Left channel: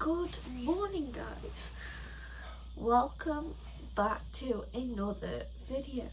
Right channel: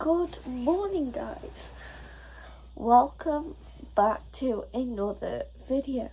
Good morning, guys. Welcome back to another video.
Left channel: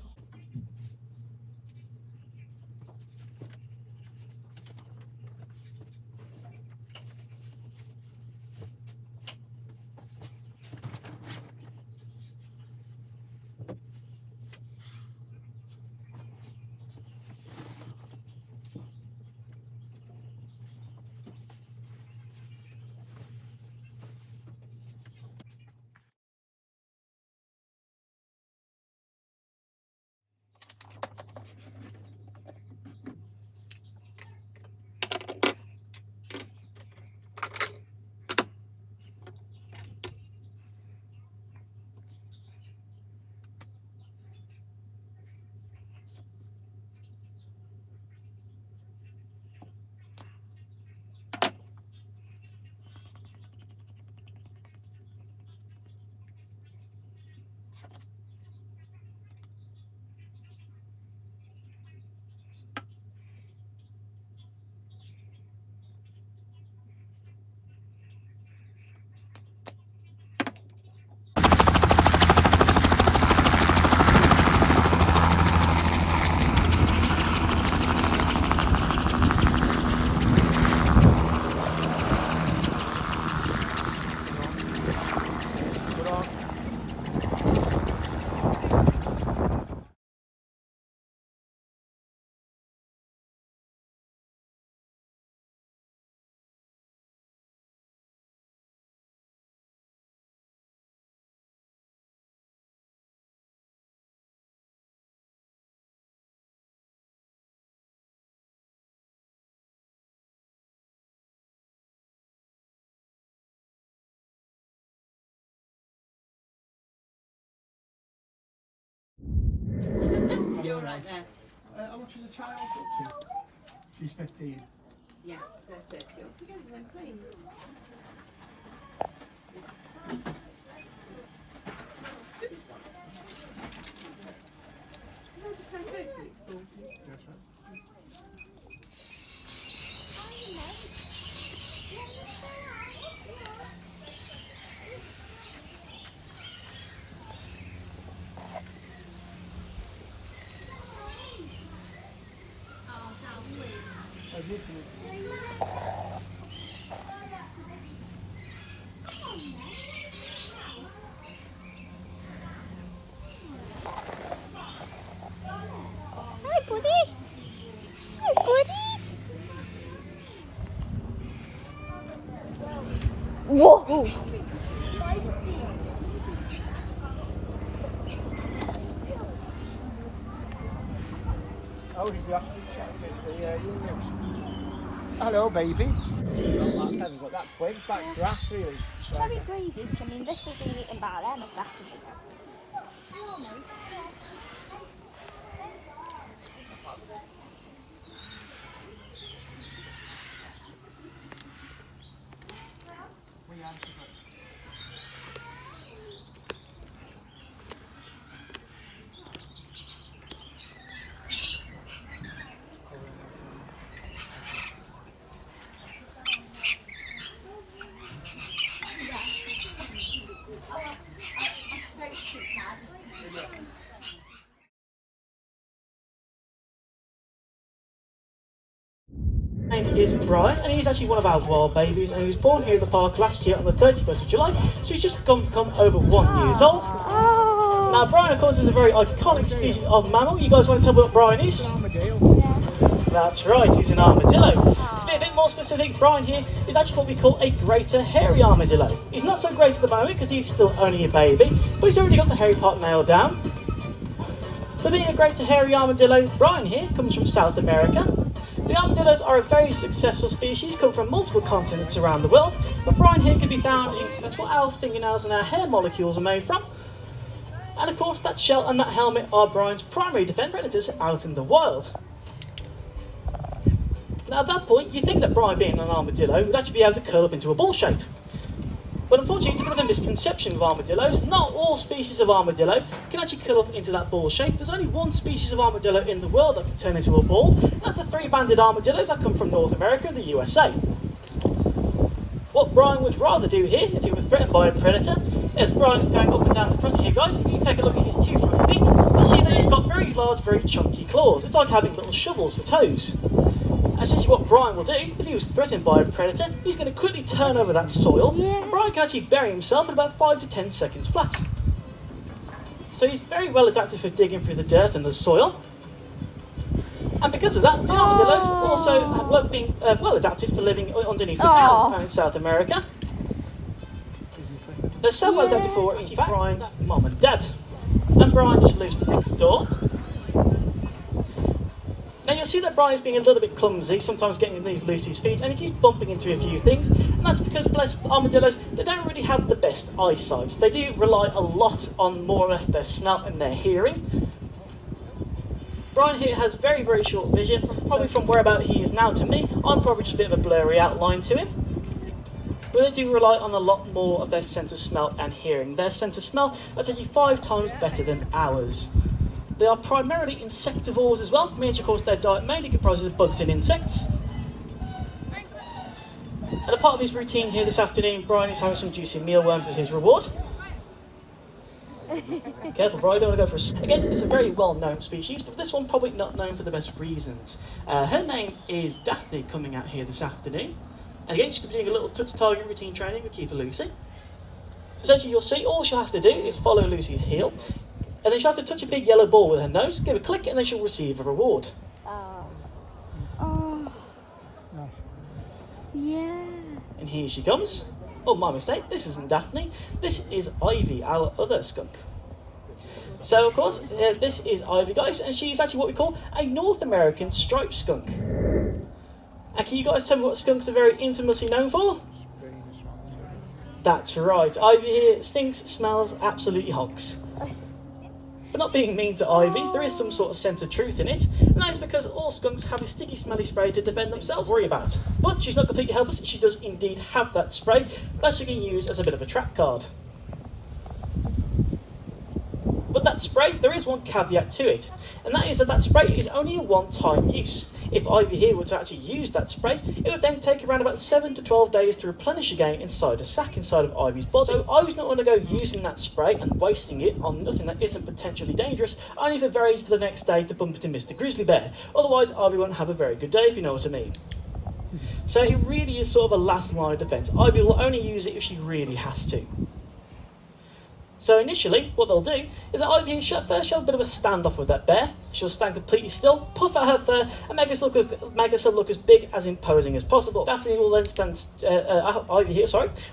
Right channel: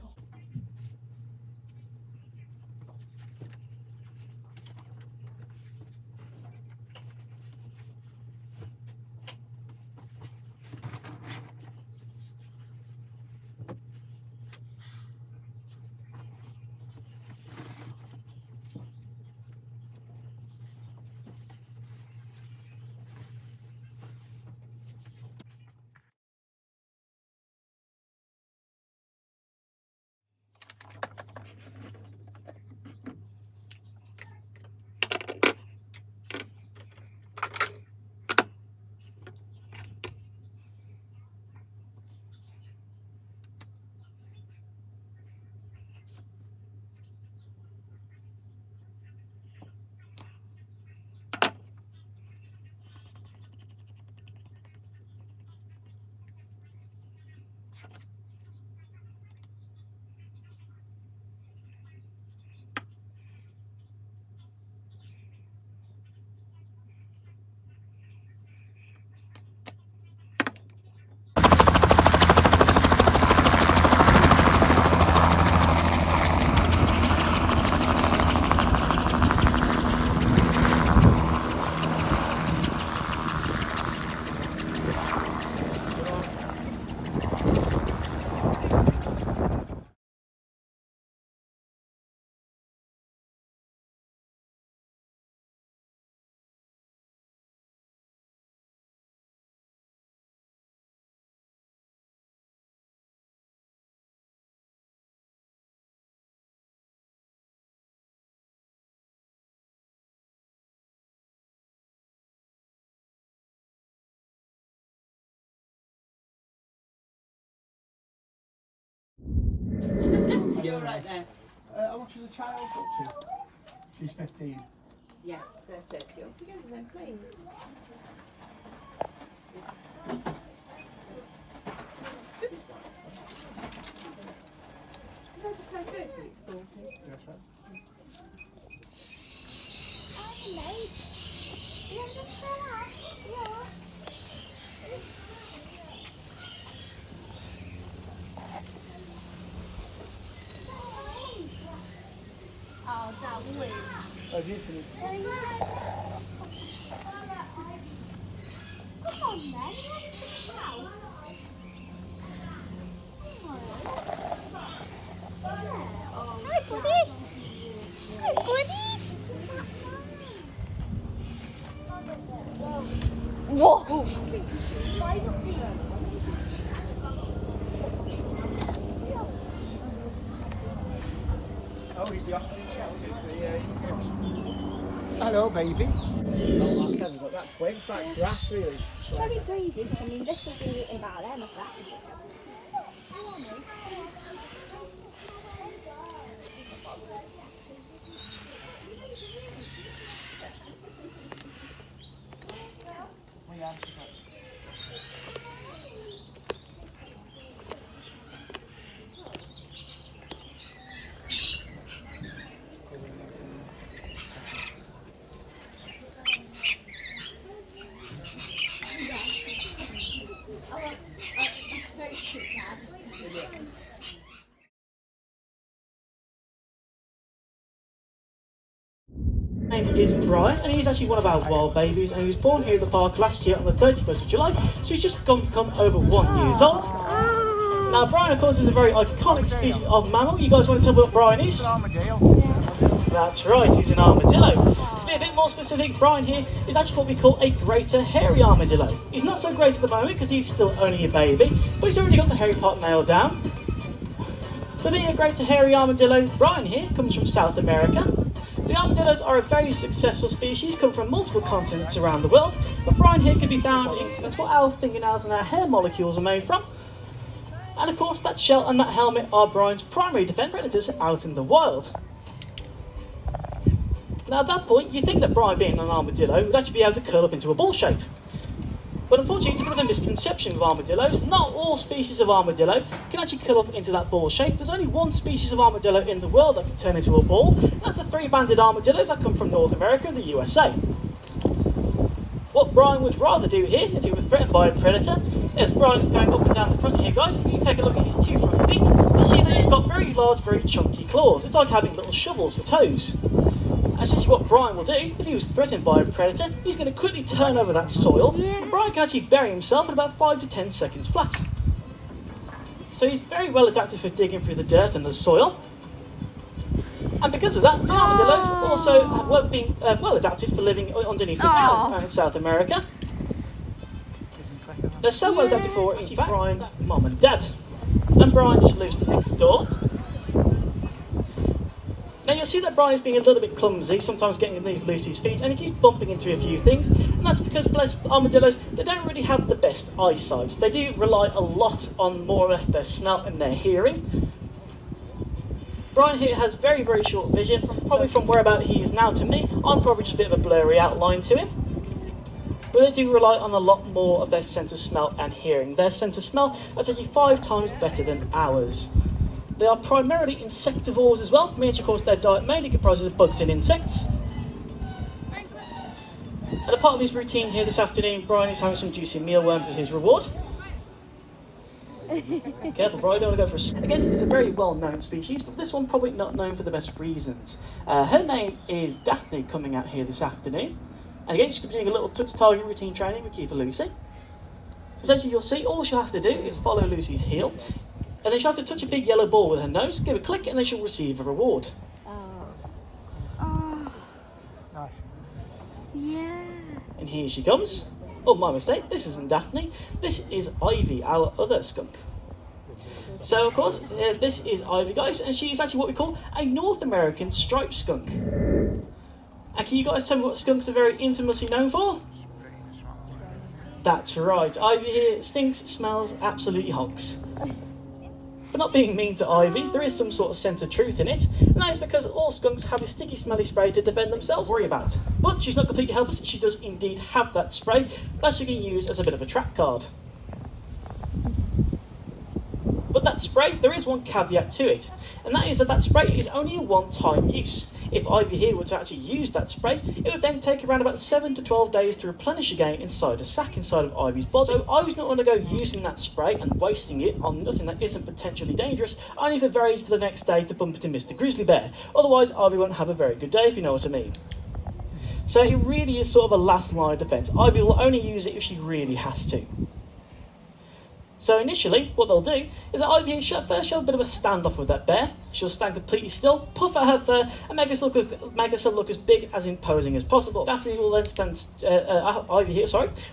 You're right now. How much is the child up to? She's 15. Yes, they're 30 altogether then, please. Did I just say 30? It's 40. That's right. Oh, beautiful. Hi, buddy. Hi, buddy. Whoa. Oh, he's the Hello, baby. Not that heavy, but that's quick. It's like grass, really. It's very crazy. I mean, this will be eaten by them if that is. His name is Brian, and he's actually one of our wild babies, and he was born here at the park last year on the 31st of July, so he's just come over 1 year old. Now, Brian, of course, is a very iconic species of mammal. You guys want to tell me what Brian is? That's right, he's an armadillo. To be a bit more specific, Brian here is actually what we call a greater hairy armadillo. He's not so great at the moment because he's still only a baby, but he's already got the hairy part nailed down. For being a greater hairy armadillo, Brian here comes from South America. The armadillos are a very successful species, come from multiple continents around the world, but Brian here can be found in that's what our fingernails and our hair molecules are made from. And of course, that shell and that helmet are Brian's primary defence predators out in the wild. Now at that point, you think that Brian, being an armadillo, would actually be able to curl up into a ball shape. But unfortunately, it's a bit of a misconception of armadillos. Not all species of armadillo can actually curl up into that ball shape. There's only one species of armadillo in the world that can turn into a ball. That's the three-banded armadillo that come from North America and the USA. What Brian would rather do here if he were threatened by a predator. As Brian's going up and down the front here, guys, if you take a look at his 2 front feet, you'll see that he's got very large, very chunky claws. It's like having little shovels for toes. Essentially what Brian will do, if he was threatened by a predator, he's going to quickly turn over that soil, and Brian can actually bury himself in about 5 to 10 seconds flat. So he's very well adapted for digging through the dirt and the soil. And because of that, the armadillos also have been well adapted for living underneath the ground in South America. They're so well adapted for, in fact, Brian's mum and dad. And Brian just lives next door. Now you'll see that Brian's being a little bit clumsy, sometimes getting loose his feet, and he keeps bumping into a few things, and that's because, bless armadillos, they don't really have the best eyesight. They do rely a lot on more or less their smell and their hearing. Brian here has very, very short vision, probably from whereabout he is now to me, I'm probably just a bit of a blurry outline to him. But they do rely on a lot more of their sense of smell and hearing. Their sense of smell is actually 5 times better than ours. They are primarily insectivores as well, means of course their diet mainly comprises of bugs and insects. And a part of his routine here this afternoon, Brian is having some juicy mealworms as his reward. Careful, Brian, don't want to go for a... Again, it's a very well-known species, but this one probably not known for the best reasons. Her name is Daphne, coming out here this afternoon. And again, she's going to be doing a little touch-target routine training with Keeper Lucy. So essentially, you'll see all she'll have to do is follow Lucy's heel, and then she'll have to touch a big yellow ball with her nose, give a click, and then she'll receive a reward. Oh. Nice. Yeah. And here she comes. Oh, my mistake, this isn't Daphne, this is Ivy, our other skunk. So, of course, this is Ivy, guys, and she's actually what we call a North American striped skunk. And can you guys tell me what skunks are very infamously known for? That's right, Ivy here stinks, smells, absolutely honks. But not being mean to Ivy, there is some sort of sense of truth in it, and that is because all skunks have a sticky, smelly spray to defend themselves. Worry about. But she's not completely helpless, she does indeed have that spray that she can use as a bit of a trap card. But that spray, there is one caveat to it, and that is that spray is only a one-time use. If Ivy here were to actually use that spray, it would then take around about 7 to 12 days to replenish again inside a sac inside of Ivy's body. So Ivy's not going to go using that spray and wasting it on nothing that isn't potentially dangerous, only for the next day to bump into Mr. Grizzly Bear. Otherwise, Ivy won't have a very good day, if you know what I mean. So it really is sort of a last line of defence. Ivy will only use it if she really has to. So initially, what they'll do is that Ivy she'll first show a bit of a standoff with that bear. She'll stand completely still, puff out her fur, and make herself look as big, as imposing as possible. Daphne will then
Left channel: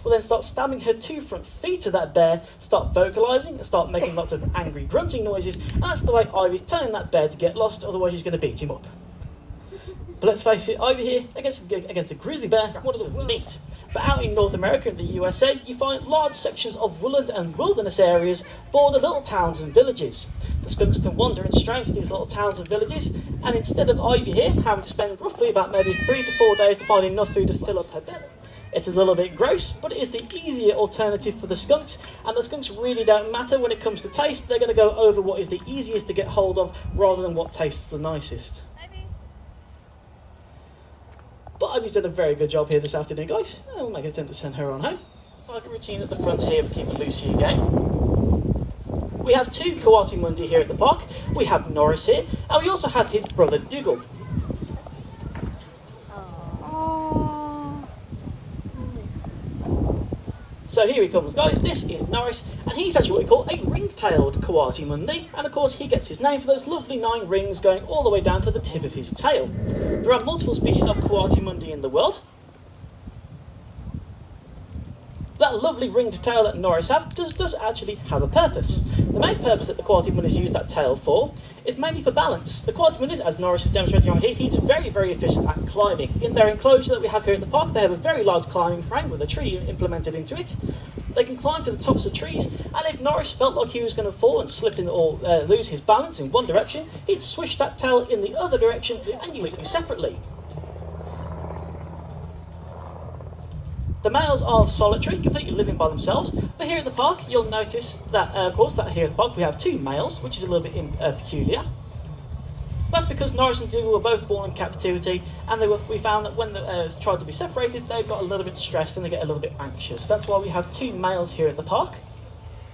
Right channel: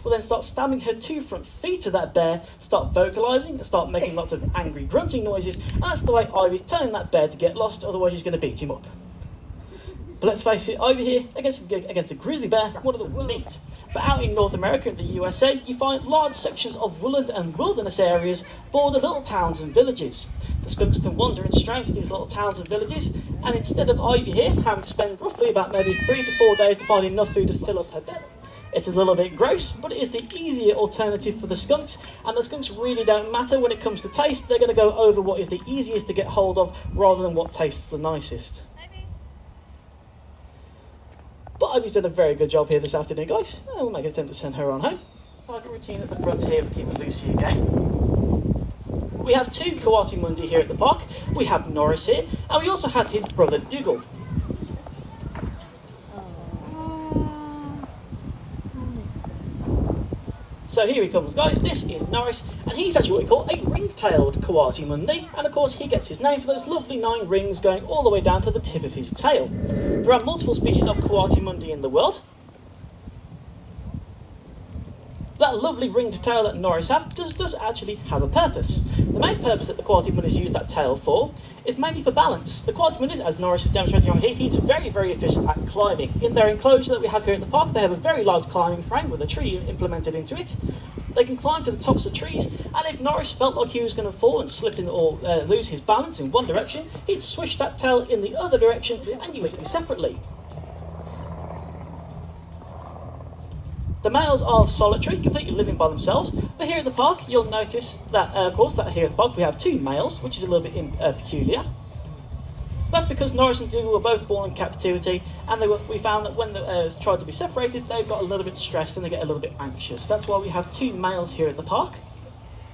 will then start stabbing her 2 front feet to that bear, start vocalising, and start making lots of angry grunting noises. And that's the way Ivy's telling that bear to get lost, otherwise she's going to beat him up. But let's face it, Ivy here, against a grizzly bear, what does it meet? But out in North America and the USA, you find large sections of woodland and wilderness areas border little towns and villages. The skunks can wander and stray into these little towns and villages, and instead of Ivy here having to spend roughly about maybe 3 to 4 days to find enough food to fill up her belly, it's a little bit gross, but it is the easier alternative for the skunks, and the skunks really don't matter when it comes to taste. They're going to go over what is the easiest to get hold of rather than what tastes the nicest. But Ivy's done a very good job here this afternoon, guys. And we'll make an attempt to send her on home. Target routine at the front here, we're keeping Lucy again. We have 2 Coati-mundi here at the park. We have Norris here, and we also have his brother Dougal. So here he comes, guys. This is Norris, and he's actually what we call a ring-tailed Coati-mundi, and of course he gets his name for those lovely 9 rings going all the way down to the tip of his tail. There are multiple species of Coati-mundi in the world. That lovely ringed tail that Norris does actually have a purpose. The main purpose that the Coati-mundis use that tail for is mainly for balance. The Coati-mundis, as Norris is demonstrating right here, he's very, very efficient at climbing. In their enclosure that we have here at the park, they have a very large climbing frame with a tree implemented into it. They can climb to the tops of trees, and if Norris felt like he was going to fall and slip in or lose his balance in one direction, he'd swish that tail in the other direction and use it separately. The males are solitary, completely living by themselves, but here at the park you'll notice that, of course, that here at the park we have 2 males, which is a little bit peculiar. That's because Norris and Dougal were both born in captivity, and we found that when they tried to be separated, they got a little bit stressed and they get a little bit anxious. That's why we have 2 males here at the park.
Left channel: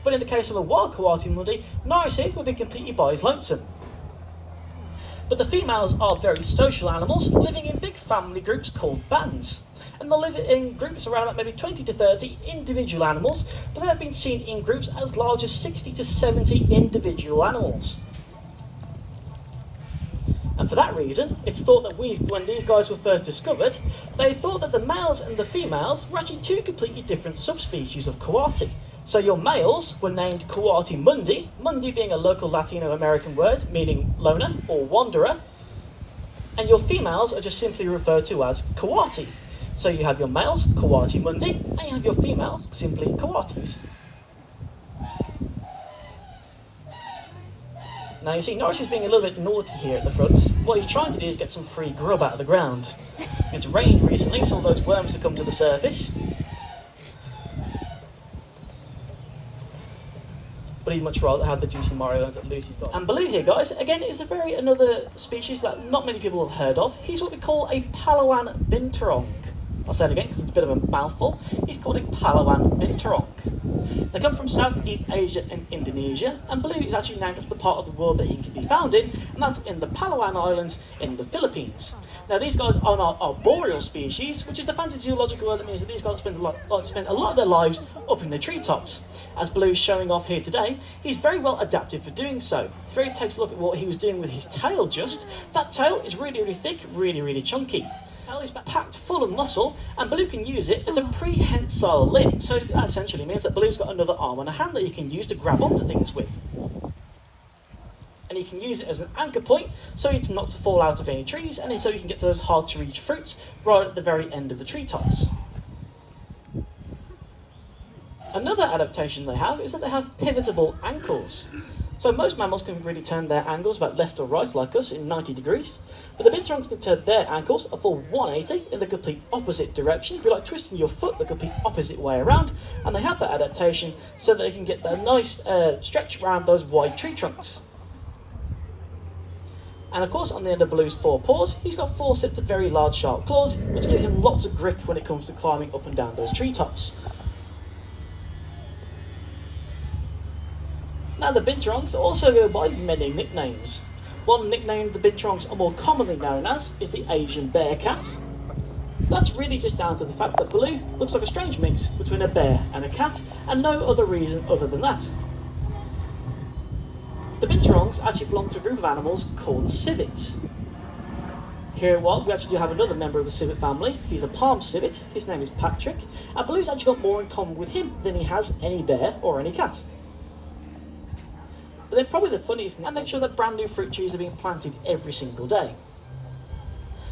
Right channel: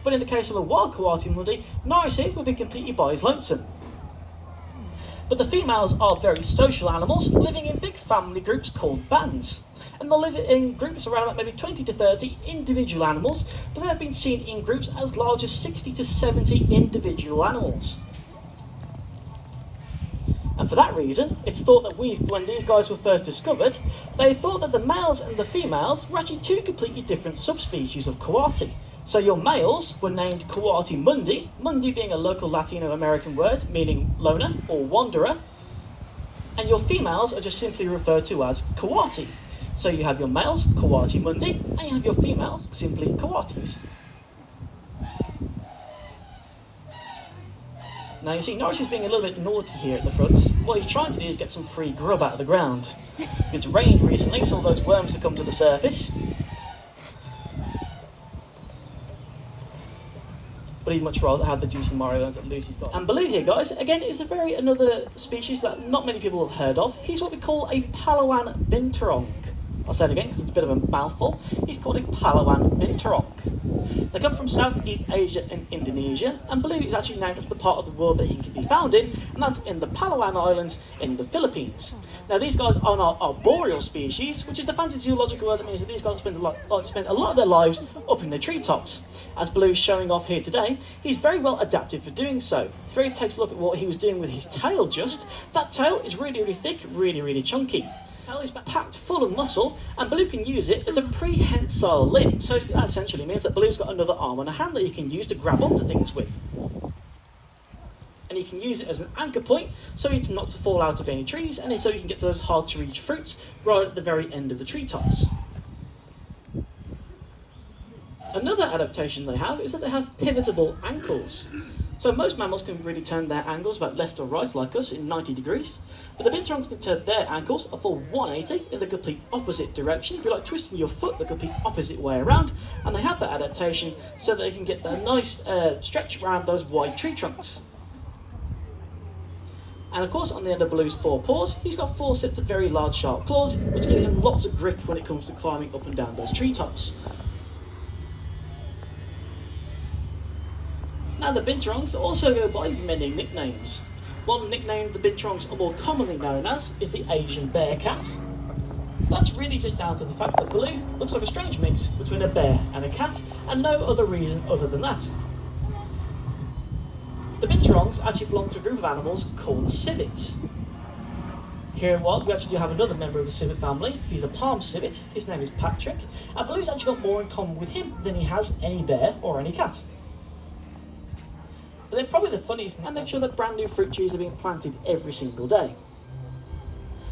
But in the case of a wild coati mundi, Norris here would be completely by his lonesome. But the females are very social animals, living in big family groups called bands. And they'll live in groups around about maybe 20 to 30 individual animals, but they have been seen in groups as large as 60 to 70 individual animals. And for that reason, it's thought that when these guys were first discovered, they thought that the males and the females were actually 2 completely different subspecies of coati. So your males were named coati mundi, mundi being a local Latino American word meaning loner or wanderer, and your females are just simply referred to as coati. So you have your males, coati mundi, and you have your females, simply coatis. Now you see, Norris is being a little bit naughty here at the front. What he's trying to do is get some free grub out of the ground. It's rained recently, so all those worms have come to the surface. But he'd much rather have the juicy Mario that Lucy's got. And Baloo here, guys, again, is another species that not many people have heard of. He's what we call a Palawan binturong. I'll say it again because it's a bit of a mouthful. He's called a Palawan binturong. They come from Southeast Asia and Indonesia, and Baloo is actually named after the part of the world that he can be found in, and that's in the Palawan Islands in the Philippines. Now these guys are an arboreal species, which is the fancy zoological word that means that these guys spend a lot of their lives up in the treetops. As Baloo is showing off here today, he's very well adapted for doing so. If you really takes a look at what he was doing with his tail that tail is really, really thick, really, really chunky. Is packed full of muscle, and Baloo can use it as a prehensile limb. So that essentially means that Baloo's got another arm and a hand that he can use to grab onto things with. And he can use it as an anchor point, so he's not to fall out of any trees, and so he can get to those hard to reach fruits right at the very end of the treetops. Another adaptation they have is that they have pivotable ankles. So most mammals can really turn their ankles about left or right, like us, in 90 degrees. But the binturongs can turn their ankles a full 180 in the complete opposite direction. If you like twisting your foot the complete opposite way around. And they have that adaptation so that they can get that nice stretch around those wide tree trunks. And of course, on the end of Baloo's 4 paws, he's got 4 sets of very large sharp claws, which give him lots of grip when it comes to climbing up and down those treetops. Now the binturongs also go by many nicknames. One nickname the binturongs are more commonly known as is the Asian bear cat. That's really just down to the fact that Baloo looks like a strange mix between a bear and a cat, and no other reason other than that. The binturongs actually belong to a group of animals called civets. Here in Wild, we actually do have another member of the civet family. He's a palm civet. His name is Patrick, and Baloo's actually got more in common with him than he has any bear or any cat. But then probably the funniest thing, and make sure that brand new fruit trees are being planted every single day.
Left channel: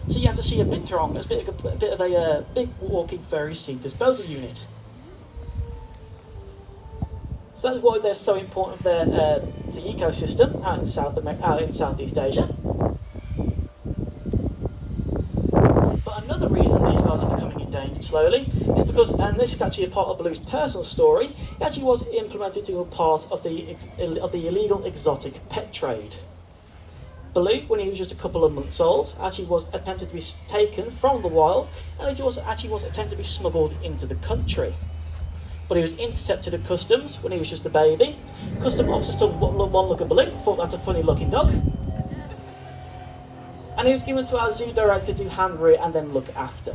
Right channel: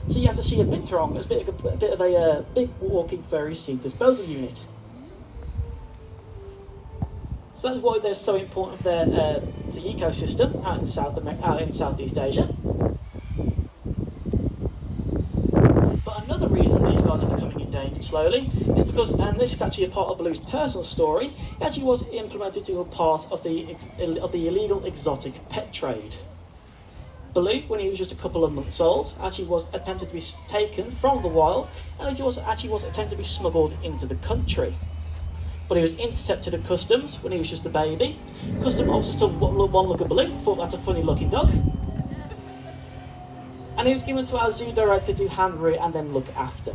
So you have to see a binturong as a bit of a big walking furry seed disposal unit. So that's why they're so important for the ecosystem out in Southeast Asia. But another reason these guys are becoming endangered slowly is because, and this is actually a part of Baloo's personal story, he actually was implemented to a part of the illegal exotic pet trade. Baloo, when he was just a couple of months old, actually was attempted to be taken from the wild, and he was attempted to be smuggled into the country. But he was intercepted at customs when he was just a baby. Custom officers took one look at Baloo, thought that's a funny looking dog. And he was given to our zoo director to hand rear and then look after.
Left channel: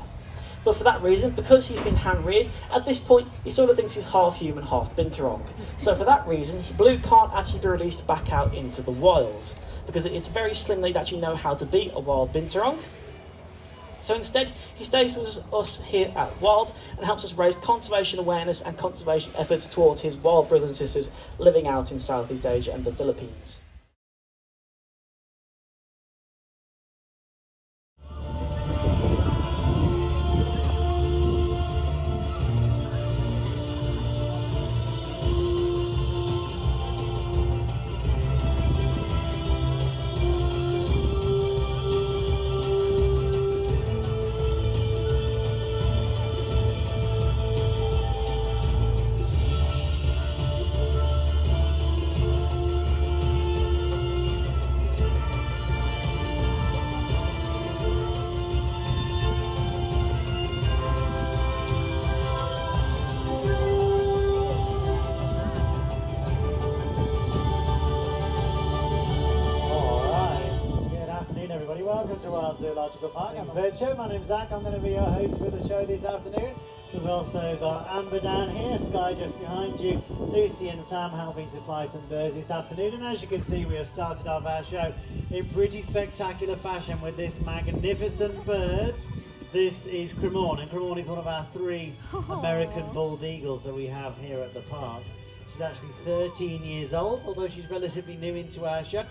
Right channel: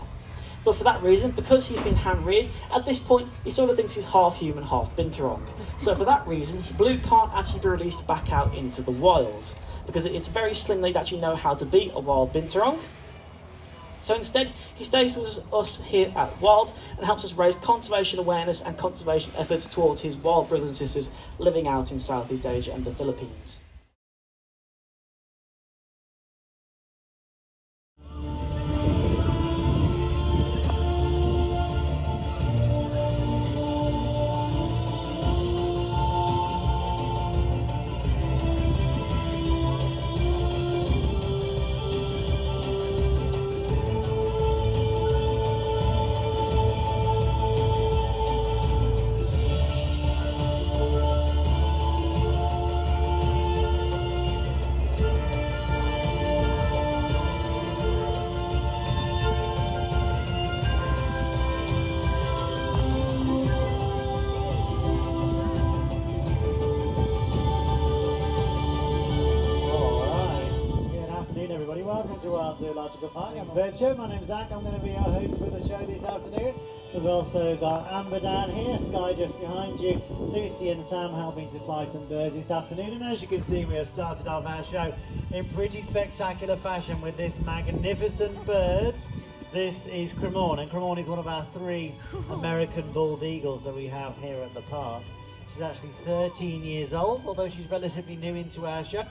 But for that reason, because he's been hand reared, at this point he sort of thinks he's half human, half binturong. So for that reason, Baloo can't actually be released back out into the wild, because it's very slim they'd actually know how to be a wild binturong. So instead, he stays with us here at Wild and helps us raise conservation awareness and conservation efforts towards his wild brothers and sisters living out in Southeast Asia and the Philippines. Zoological Park and Bird Show. My name's Zach, I'm going to be your host for the show this afternoon. We've also got Amber down here, Sky just behind you, Lucy and Sam helping to fly some birds this afternoon. And as you can see, we have started off our show in pretty spectacular fashion with this magnificent bird. This is Cremorne, and Cremorne is one of our 3 American bald eagles that we have here at the park. She's actually 13 years old, although she's relatively new into our show.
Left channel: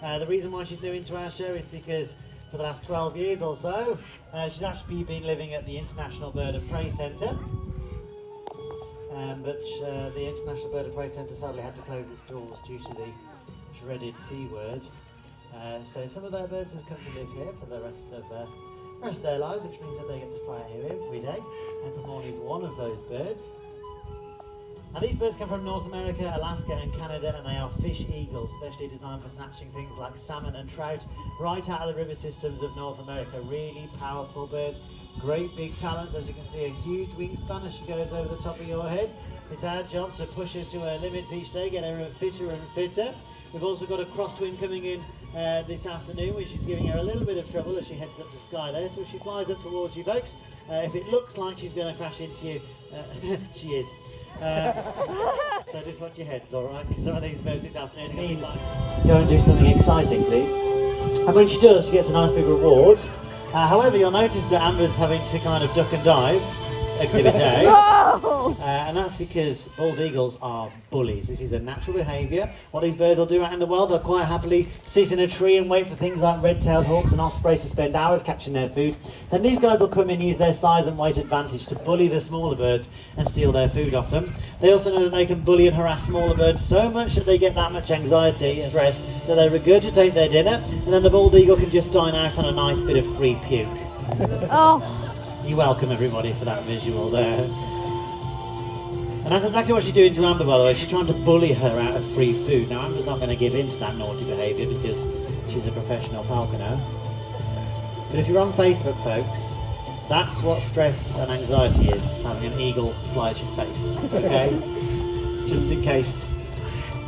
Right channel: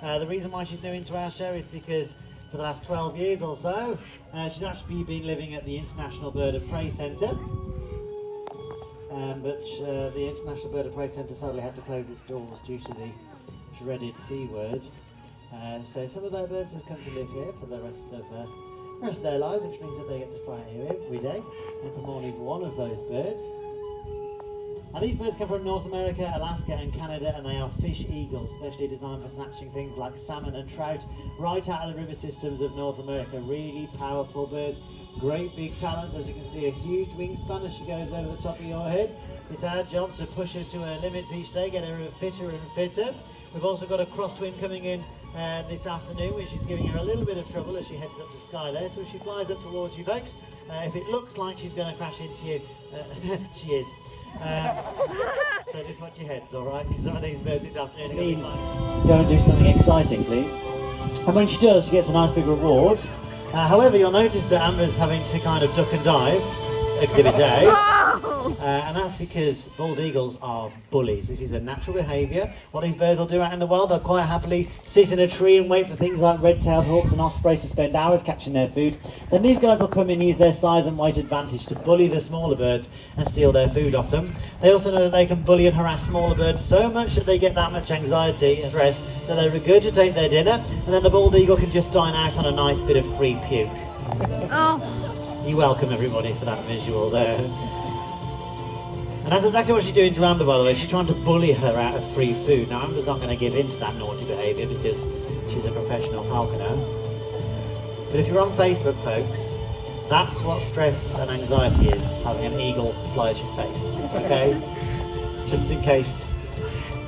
The reason why she's new into our show is because for the last 12 years or so, she's actually been living at the International Bird of Prey Centre. But the International Bird of Prey Centre sadly had to close its doors due to the dreaded C word. So some of their birds have come to live here for the rest of their lives, which means that they get to fly here every day. And Cremorne is one of those birds. Now these birds come from North America, Alaska and Canada, and they are fish eagles, specially designed for snatching things like salmon and trout right out of the river systems of North America. Really powerful birds, great big talons. As you can see, a huge wingspan as she goes over the top of your head. It's our job to push her to her limits each day, get her fitter and fitter. We've also got a crosswind coming in this afternoon, which is giving her a little bit of trouble as she heads up to Sky there. So as she flies up towards you folks, if it looks like she's going to crash into you, she is. So just watch your heads, alright? Some of these birds this afternoon means go and do something exciting, please. And when she does, she gets a nice big reward. However, you'll notice that Amber's having to kind of duck and dive, Exhibit A. And that's because bald eagles are bullies. This is a natural behaviour. What these birds will do out in the wild, they'll quite happily sit in a tree and wait for things like red-tailed hawks and ospreys to spend hours catching their food. Then these guys will come in, use their size and weight advantage to bully the smaller birds and steal their food off them. They also know that they can bully and harass smaller birds so much that they get that much anxiety and stress that they regurgitate their dinner, and then the bald eagle can just dine out on a nice bit of free puke. Oh. You're welcome, everybody, for that visual there. And that's exactly what she's doing to Amber, by the way. She's trying to bully her out of free food. Now, Amber's not going to give in to that naughty behaviour because she's a professional falconer. But if you're on Facebook, folks, that's what stress and anxiety is, having an eagle fly at your face, okay? Just in case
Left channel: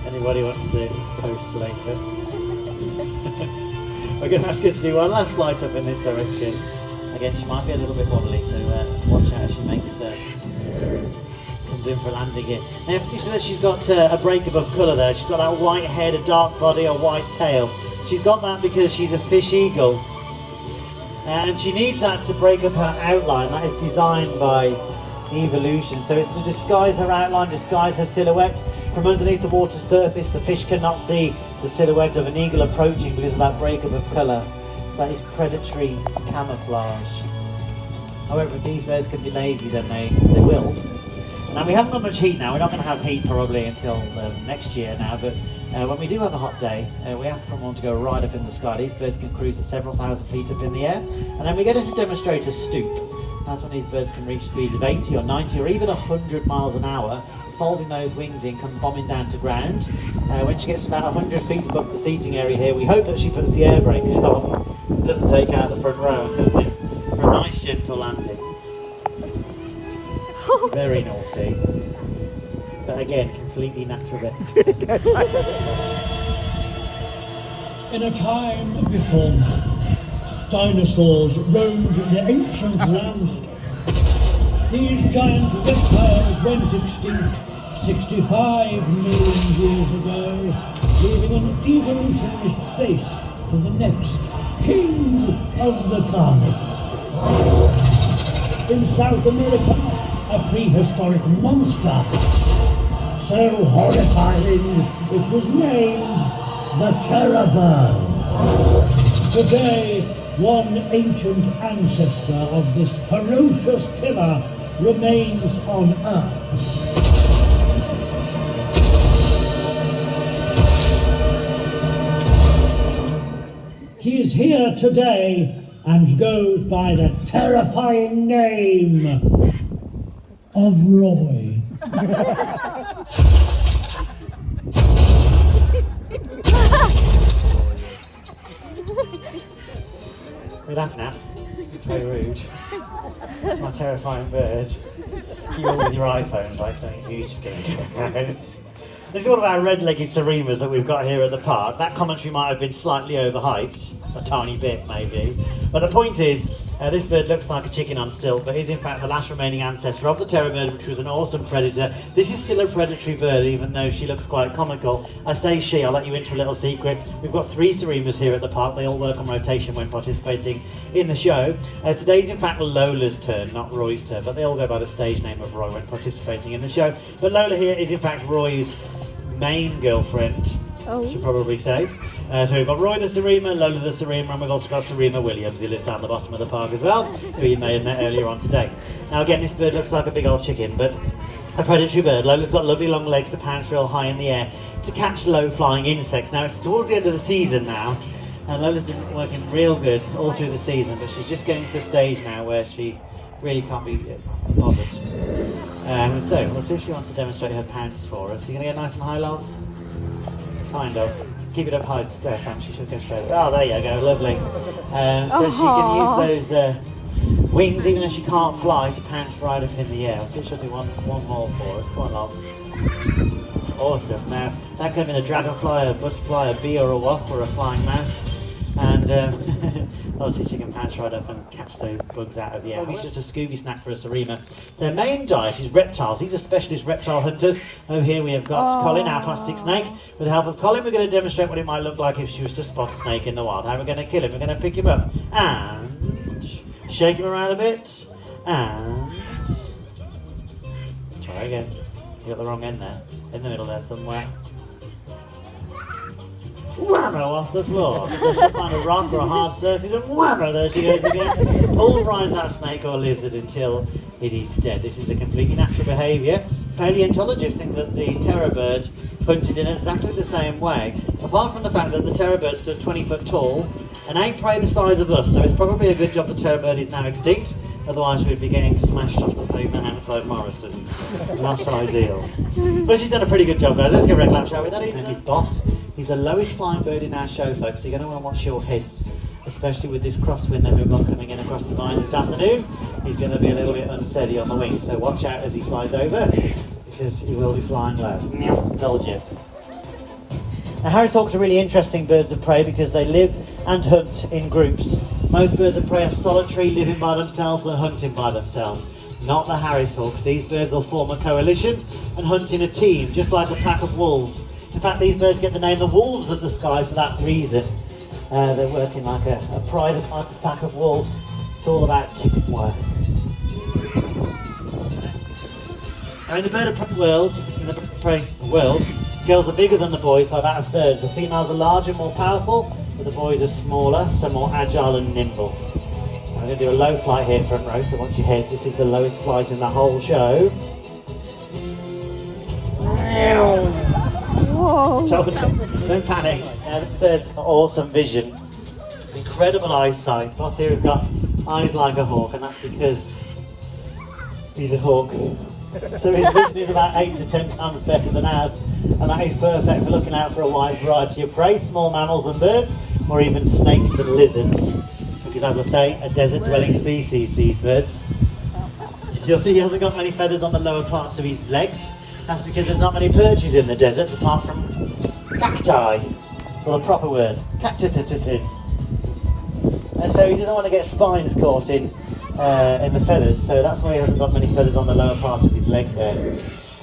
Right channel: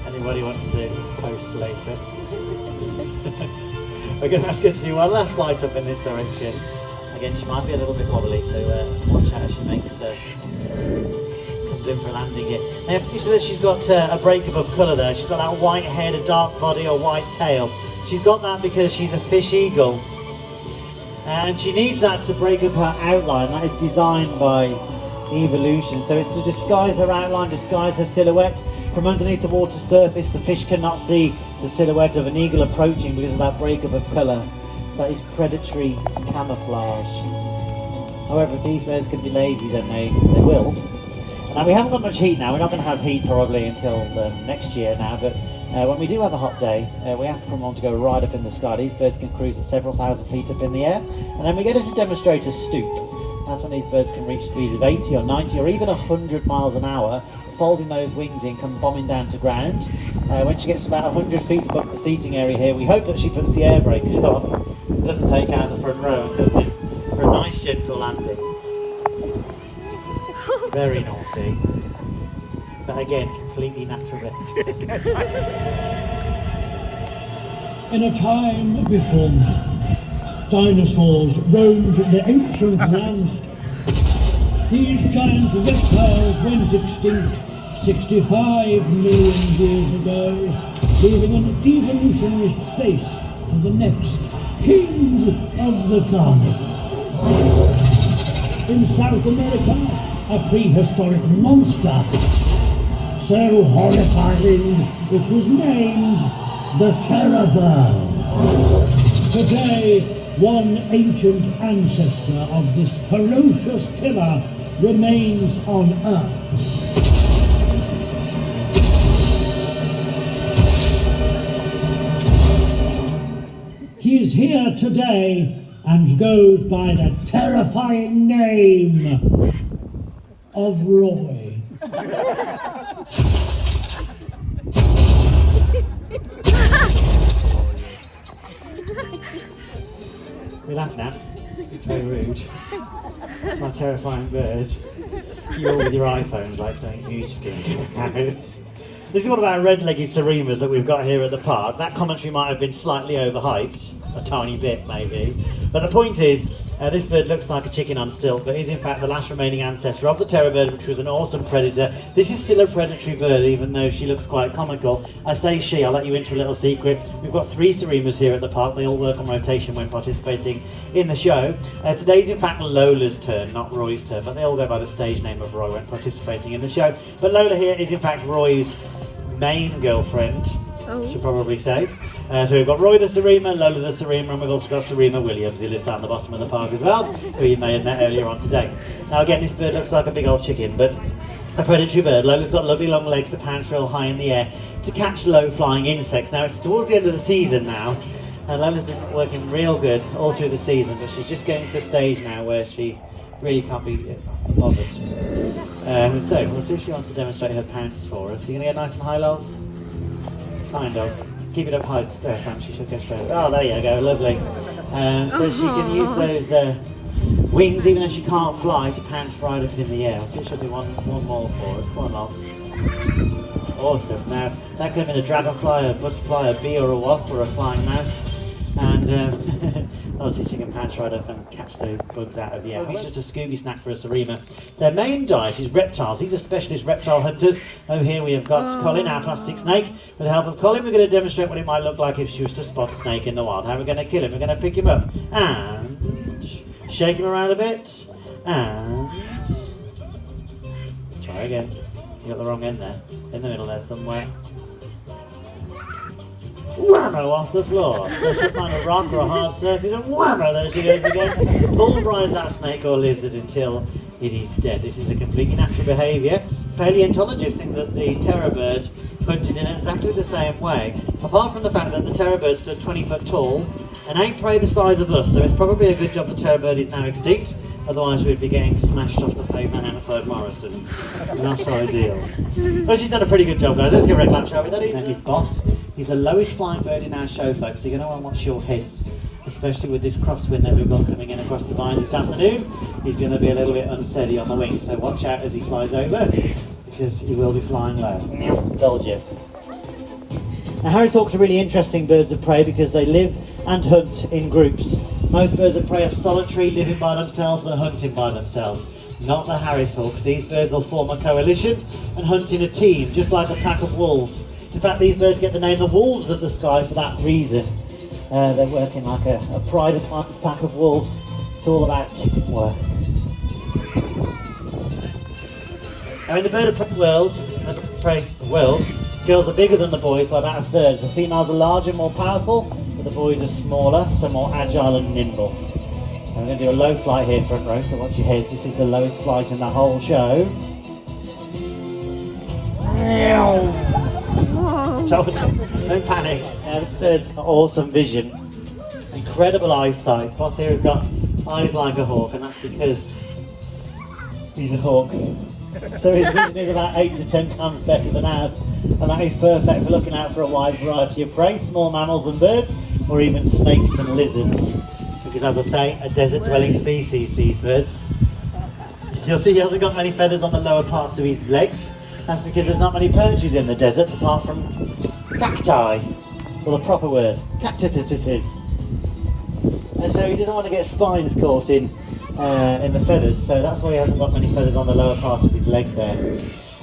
anybody wants to post later. We're going to ask her to do one last flight up in this direction. Again, she might be a little bit wobbly, so watch out as she makes comes in for landing it. Now, you see that she's got a breakup of colour there. She's got that white head, a dark body, a white tail. She's got that because she's a fish eagle. And she needs that to break up her outline. That is designed by evolution. So it's to disguise her outline, disguise her silhouette. From underneath the water surface, the fish cannot see the silhouette of an eagle approaching because of that breakup of colour. That is predatory camouflage. However, if these birds can be lazy, then they will. Now, we haven't got much heat now. We're not going to have heat probably until next year now, but when we do have a hot day, we ask someone to go right up in the sky. These birds can cruise at several thousand feet up in the air, and then we get into demonstrator stoop. That's when these birds can reach speeds of 80 or 90 or even 100 miles an hour, folding those wings in, come bombing down to ground. When she gets about 100 feet above the seating area here, we hope that she puts the air brakes on, doesn't take out the front row and comes in for a nice gentle landing. Very naughty. But again, completely natural. In a time before now, dinosaurs roamed the ancient landscape. These giant reptiles went extinct 65 million years ago, leaving an evolutionary space for the next king of the carnivore. In South America, a prehistoric monster, so horrifying it was named the terror bird. Today, one ancient ancestor of this ferocious killer remains on Earth. He is here today and goes by the terrifying name of Roy. We laugh now. It's very rude. It's my terrifying bird. You all with your iPhones like something huge is going to come out. This is one of our red-legged Seremas that we've got here at the park. That commentary might have been slightly overhyped, a tiny bit maybe. But the point is, this bird looks like a chicken on stilt, but is in fact the last remaining ancestor of the terror bird, which was an awesome predator. This is still a predatory bird, even though she looks quite comical. I say she, I'll let you into a little secret. We've got 3 Seremas here at the park. They all work on rotation when participating in the show. Today's in fact Lola's turn, not Roy's turn, but they all go by the stage name of Roy when participating in the show. But Lola here is in fact Roy's main girlfriend, I should probably say. So we've got Roy the Serema, Lola the Serema, and we've also got Serema Williams, who lives down the bottom of the park as well, who you may have met earlier on today. Now again, this bird looks like a big old chicken, but a predatory bird. Lola's got lovely long legs to pounce real high in the air to catch low-flying insects. Now it's towards the end of the season now, and Lola's been working real good all through the season, but she's just getting to the stage now where she really can't be bothered. So we'll see if she wants to demonstrate her pounce for us. Are you going to get nice and high, Lols? Kind of. Keep it up high there, Sam. She should go straight. Oh, there you go. Lovely. So she can use those wings, even though she can't fly, to pounce right up in the air. I'll see if she'll do one more for us. Come on, Lols. Awesome. Now, that could have been a dragonfly, a butterfly, a bee, or a wasp, or a flying mouse. And obviously she can pounce right up and catch those bugs out of the air. It's just a Scooby snack for a Serema. Their main diet is reptiles. These are specialist reptile hunters. Over here we have got Colin, our plastic snake. With the help of Colin, we're going to demonstrate what it might look like if she was to spot a snake in the wild. How we're going to kill him. We're going to pick him up and shake him around a bit and try again. You got the wrong end there. In the middle there somewhere. Whammo off the floor. So she'll find a rock or a hard surface and whammo, there she goes again. Pulverise that snake or lizard until it is dead. This is a completely natural behaviour. Paleontologists think that the terror bird hunted in exactly the same way, apart from the fact that the terror bird stood 20 foot tall and ain't prey the size of us, so it's probably a good job the terror bird is now extinct. Otherwise we'd be getting smashed off the pavement outside Morrison's. Not ideal. But she's done a pretty good job, guys. Let's give her a clap, shall we? That is his boss. He's the lowest flying bird in our show, folks, so you're going to want to watch your heads, especially with this crosswind that we've got coming in across the vines this afternoon. He's going to be a little bit unsteady on the wing, so watch out as he flies over, because he will be flying low. Told you. Now, Harris hawks are really interesting birds of prey because they live and hunt in groups. Most birds of prey are solitary, living by themselves and hunting by themselves. Not the Harris hawks. These birds will form a coalition and hunt in a team, just like a pack of wolves. In fact, these birds get the name the wolves of the sky for that reason. They're working like a pride of pack of wolves. It's all about teamwork. Now, in the bird of prey world, girls are bigger than the boys by about a third. The females are larger, more powerful, but the boys are smaller, so more agile and nimble. So I'm going to do a low flight here, front row, so watch your heads. This is the lowest flight in the whole show. Don't panic. There's awesome vision, incredible eyesight. Boss here has got eyes like a hawk, and that's because he's a hawk. So his vision is about 8 to 10 times better than ours, and that is perfect for looking out for a wide variety of prey, small mammals and birds, or even snakes and lizards. Because as I say, a desert-dwelling species, these birds. You'll see he hasn't got many feathers on the lower parts of his legs. That's because there's not many perches in the desert apart from cacti, or the proper word, cactuses. And so he doesn't want to get spines caught in the feathers, so that's why he hasn't got many feathers on the lower part of his leg there.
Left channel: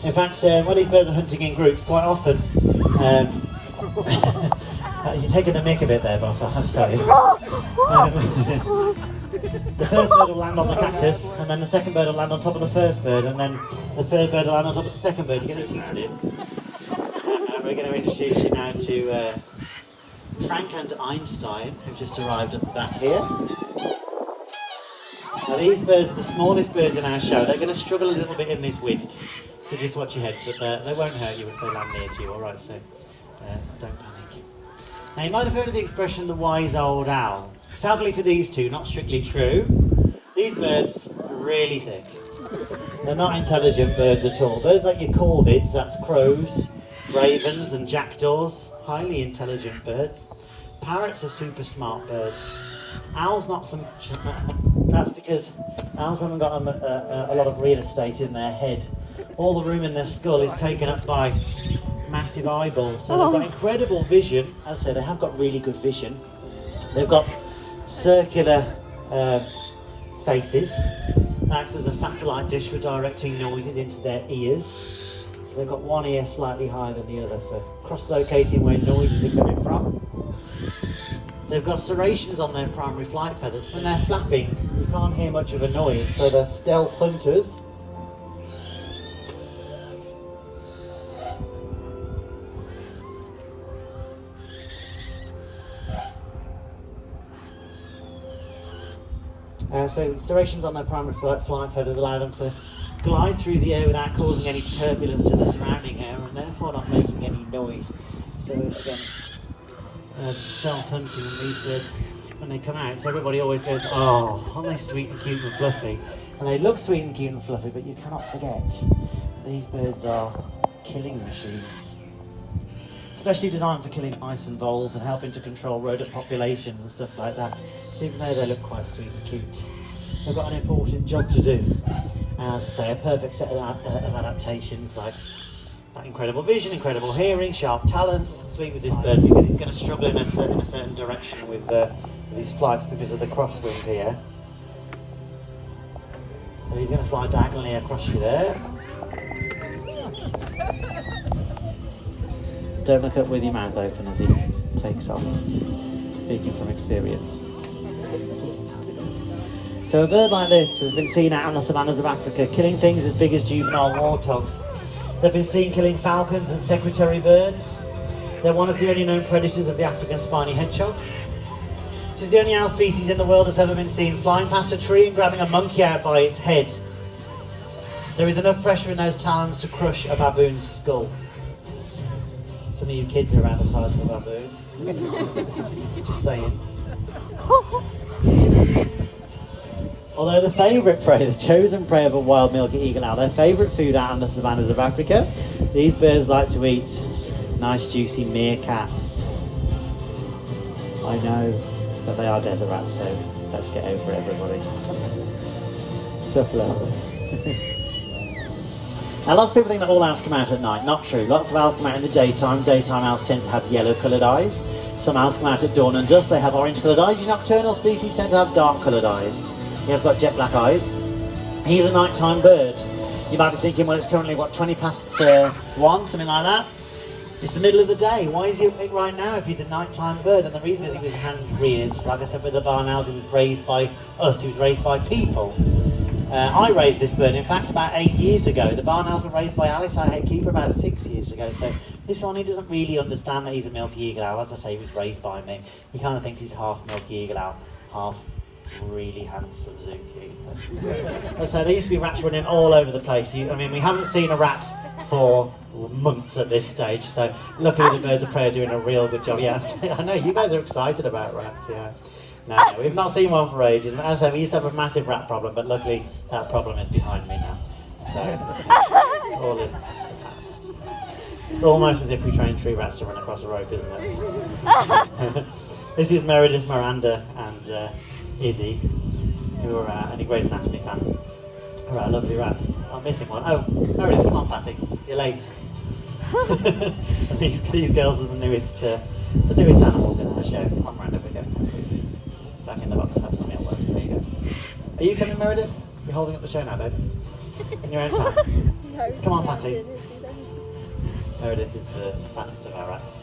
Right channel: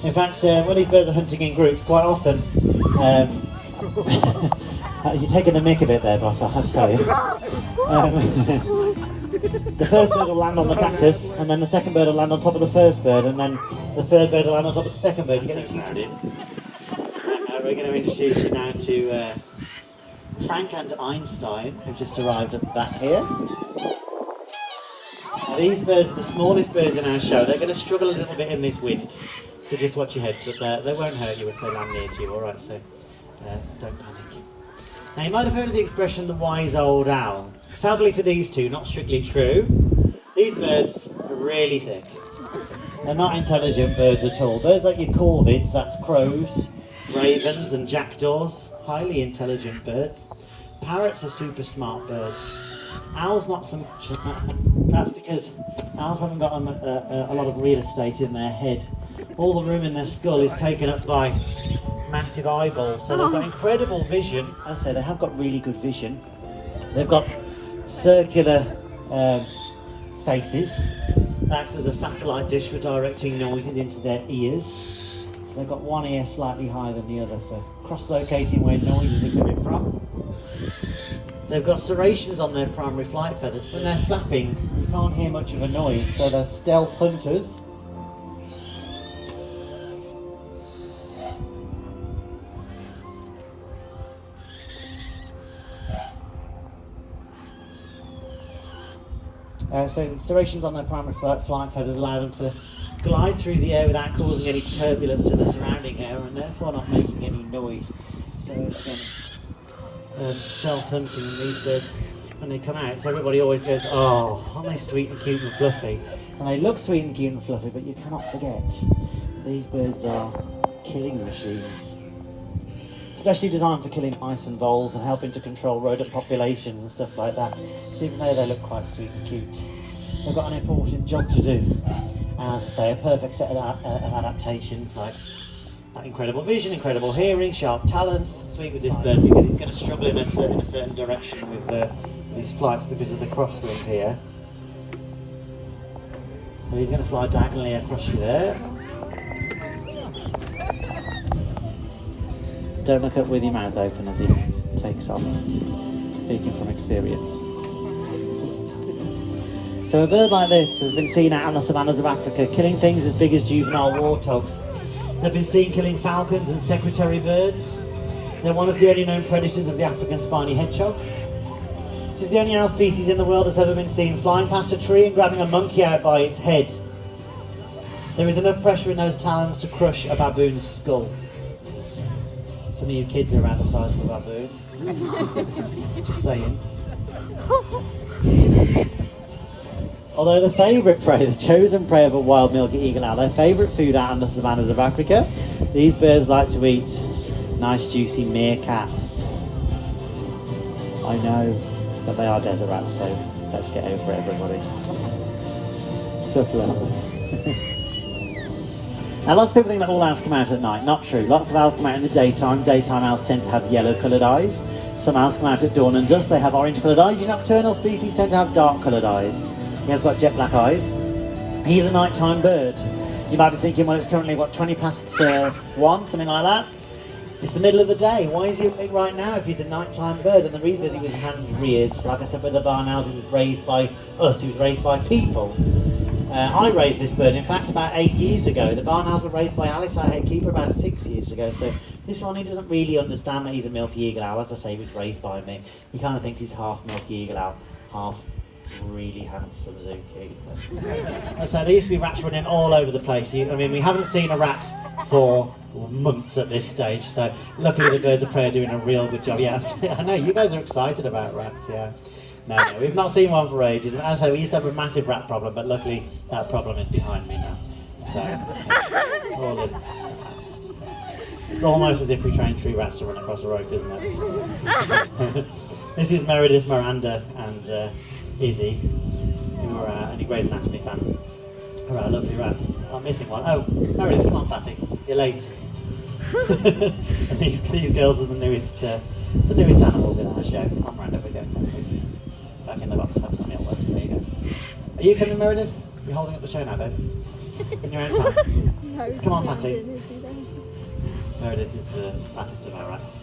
In fact, when these birds are hunting in groups, quite often, you're taking the mick a bit there, boss, I have to tell you. The first bird will land on the cactus, and then the second bird will land on top of the first bird, and then the third bird will land on top of the second bird. You get this used in. We're going to introduce you now to Frank and Einstein, who've just arrived at the back here. Now these birds are the smallest birds in our show. They're going to struggle a little bit in this wind, so just watch your heads, but they won't hurt you if they land near to you, alright, so don't panic. Now you might have heard of the expression, the wise old owl. Sadly for these two, not strictly true. These birds are really thick. They're not intelligent birds at all. Birds like your corvids, that's crows, ravens and jackdaws, highly intelligent birds. Parrots are super smart birds. Owls not so much. That's because owls haven't got a lot of real estate in their head. All the room in their skull is taken up by massive eyeballs, so they've got incredible vision. As I say, they have got really good vision. They've got circular faces that acts as a satellite dish for directing noises into their ears. So they've got one ear slightly higher than the other for cross-locating where noises are coming from. They've got serrations on their primary flight feathers. When they're flapping, you can't hear much of a noise, so they're stealth hunters. So serrations on their primary flight feathers allow them to glide through the air without causing any turbulence to the surrounding air and therefore not making any noise. So again, stealth hunting in these birds when they come out. So everybody always goes, oh, aren't they sweet and cute and fluffy? And they look sweet and cute and fluffy, but you cannot forget these birds are killing machines. Especially designed for killing mice and voles and helping to control rodent populations and stuff like that. So even though they look quite sweet and cute, they've got an important job to do. And as I say, a perfect set of adaptations like that incredible vision, incredible hearing, sharp talons. I'm speaking with this bird because he's going to struggle in a certain direction with his flights because of the crosswind here. And he's going to fly diagonally across you there. Don't look up with your mouth open as he takes off, speaking from experience. So a bird like this has been seen out on the savannas of Africa, killing things as big as juvenile warthogs. They've been seen killing falcons and secretary birds. They're one of the only known predators of the African spiny hedgehog. This is the only owl species in the world that's ever been seen flying past a tree and grabbing a monkey out by its head. There is enough pressure in those talons to crush a baboon's skull. Some of you kids are around the size of a baboon. Just saying. Although the favourite prey, the chosen prey of a wild milky eagle owl, their favourite food out in the savannas of Africa, these birds like to eat nice juicy meerkats. I know, but they are desert rats, so let's get over it, everybody. Stuff level. Now lots of people think that all owls come out at night. Not true. Lots of owls come out in the daytime. Daytime owls tend to have yellow coloured eyes. Some owls come out at dawn and dusk. They have orange coloured eyes. Your nocturnal species tend to have dark coloured eyes. He has got jet black eyes. He's a nighttime bird. You might be thinking, well, it's currently, 20 past 1, something like that? It's the middle of the day. Why is he awake right now if he's a nighttime bird? And the reason is he was hand-reared. Like I said, with the barn owls, he was raised by us. He was raised by people. I raised this bird, in fact, about 8 years ago. The barn owls were raised by Alice, our head keeper, about 6 years ago. So this one, he doesn't really understand that he's a milky eagle owl. As I say, he was raised by me. He kind of thinks he's half milky eagle owl, half really handsome zookeeper. So there used to be rats running all over the place. I mean, we haven't seen a rat for months at this stage. So luckily the birds of prey are doing a real good job. Yeah, I know, you guys are excited about rats, yeah. No, we've not seen one for ages. As I say, we used to have a massive rat problem, but luckily that problem is behind me now. So, all in the past. It's almost as if we trained 3 rats to run across a rope, isn't it? This is Meredith, Miranda, and Izzy, who are any Grey's Anatomy fans. All right, lovely rats. I'm missing one. Oh, Meredith, come on, fatty. You're late. And these girls are the newest animals in our show. Come on, Miranda, we go. Back in the box, have some mealworms. There you go. Are you coming, Meredith? You're holding up the show now, babe. In your own time. Come on, fatty. Meredith is the fattest of our rats.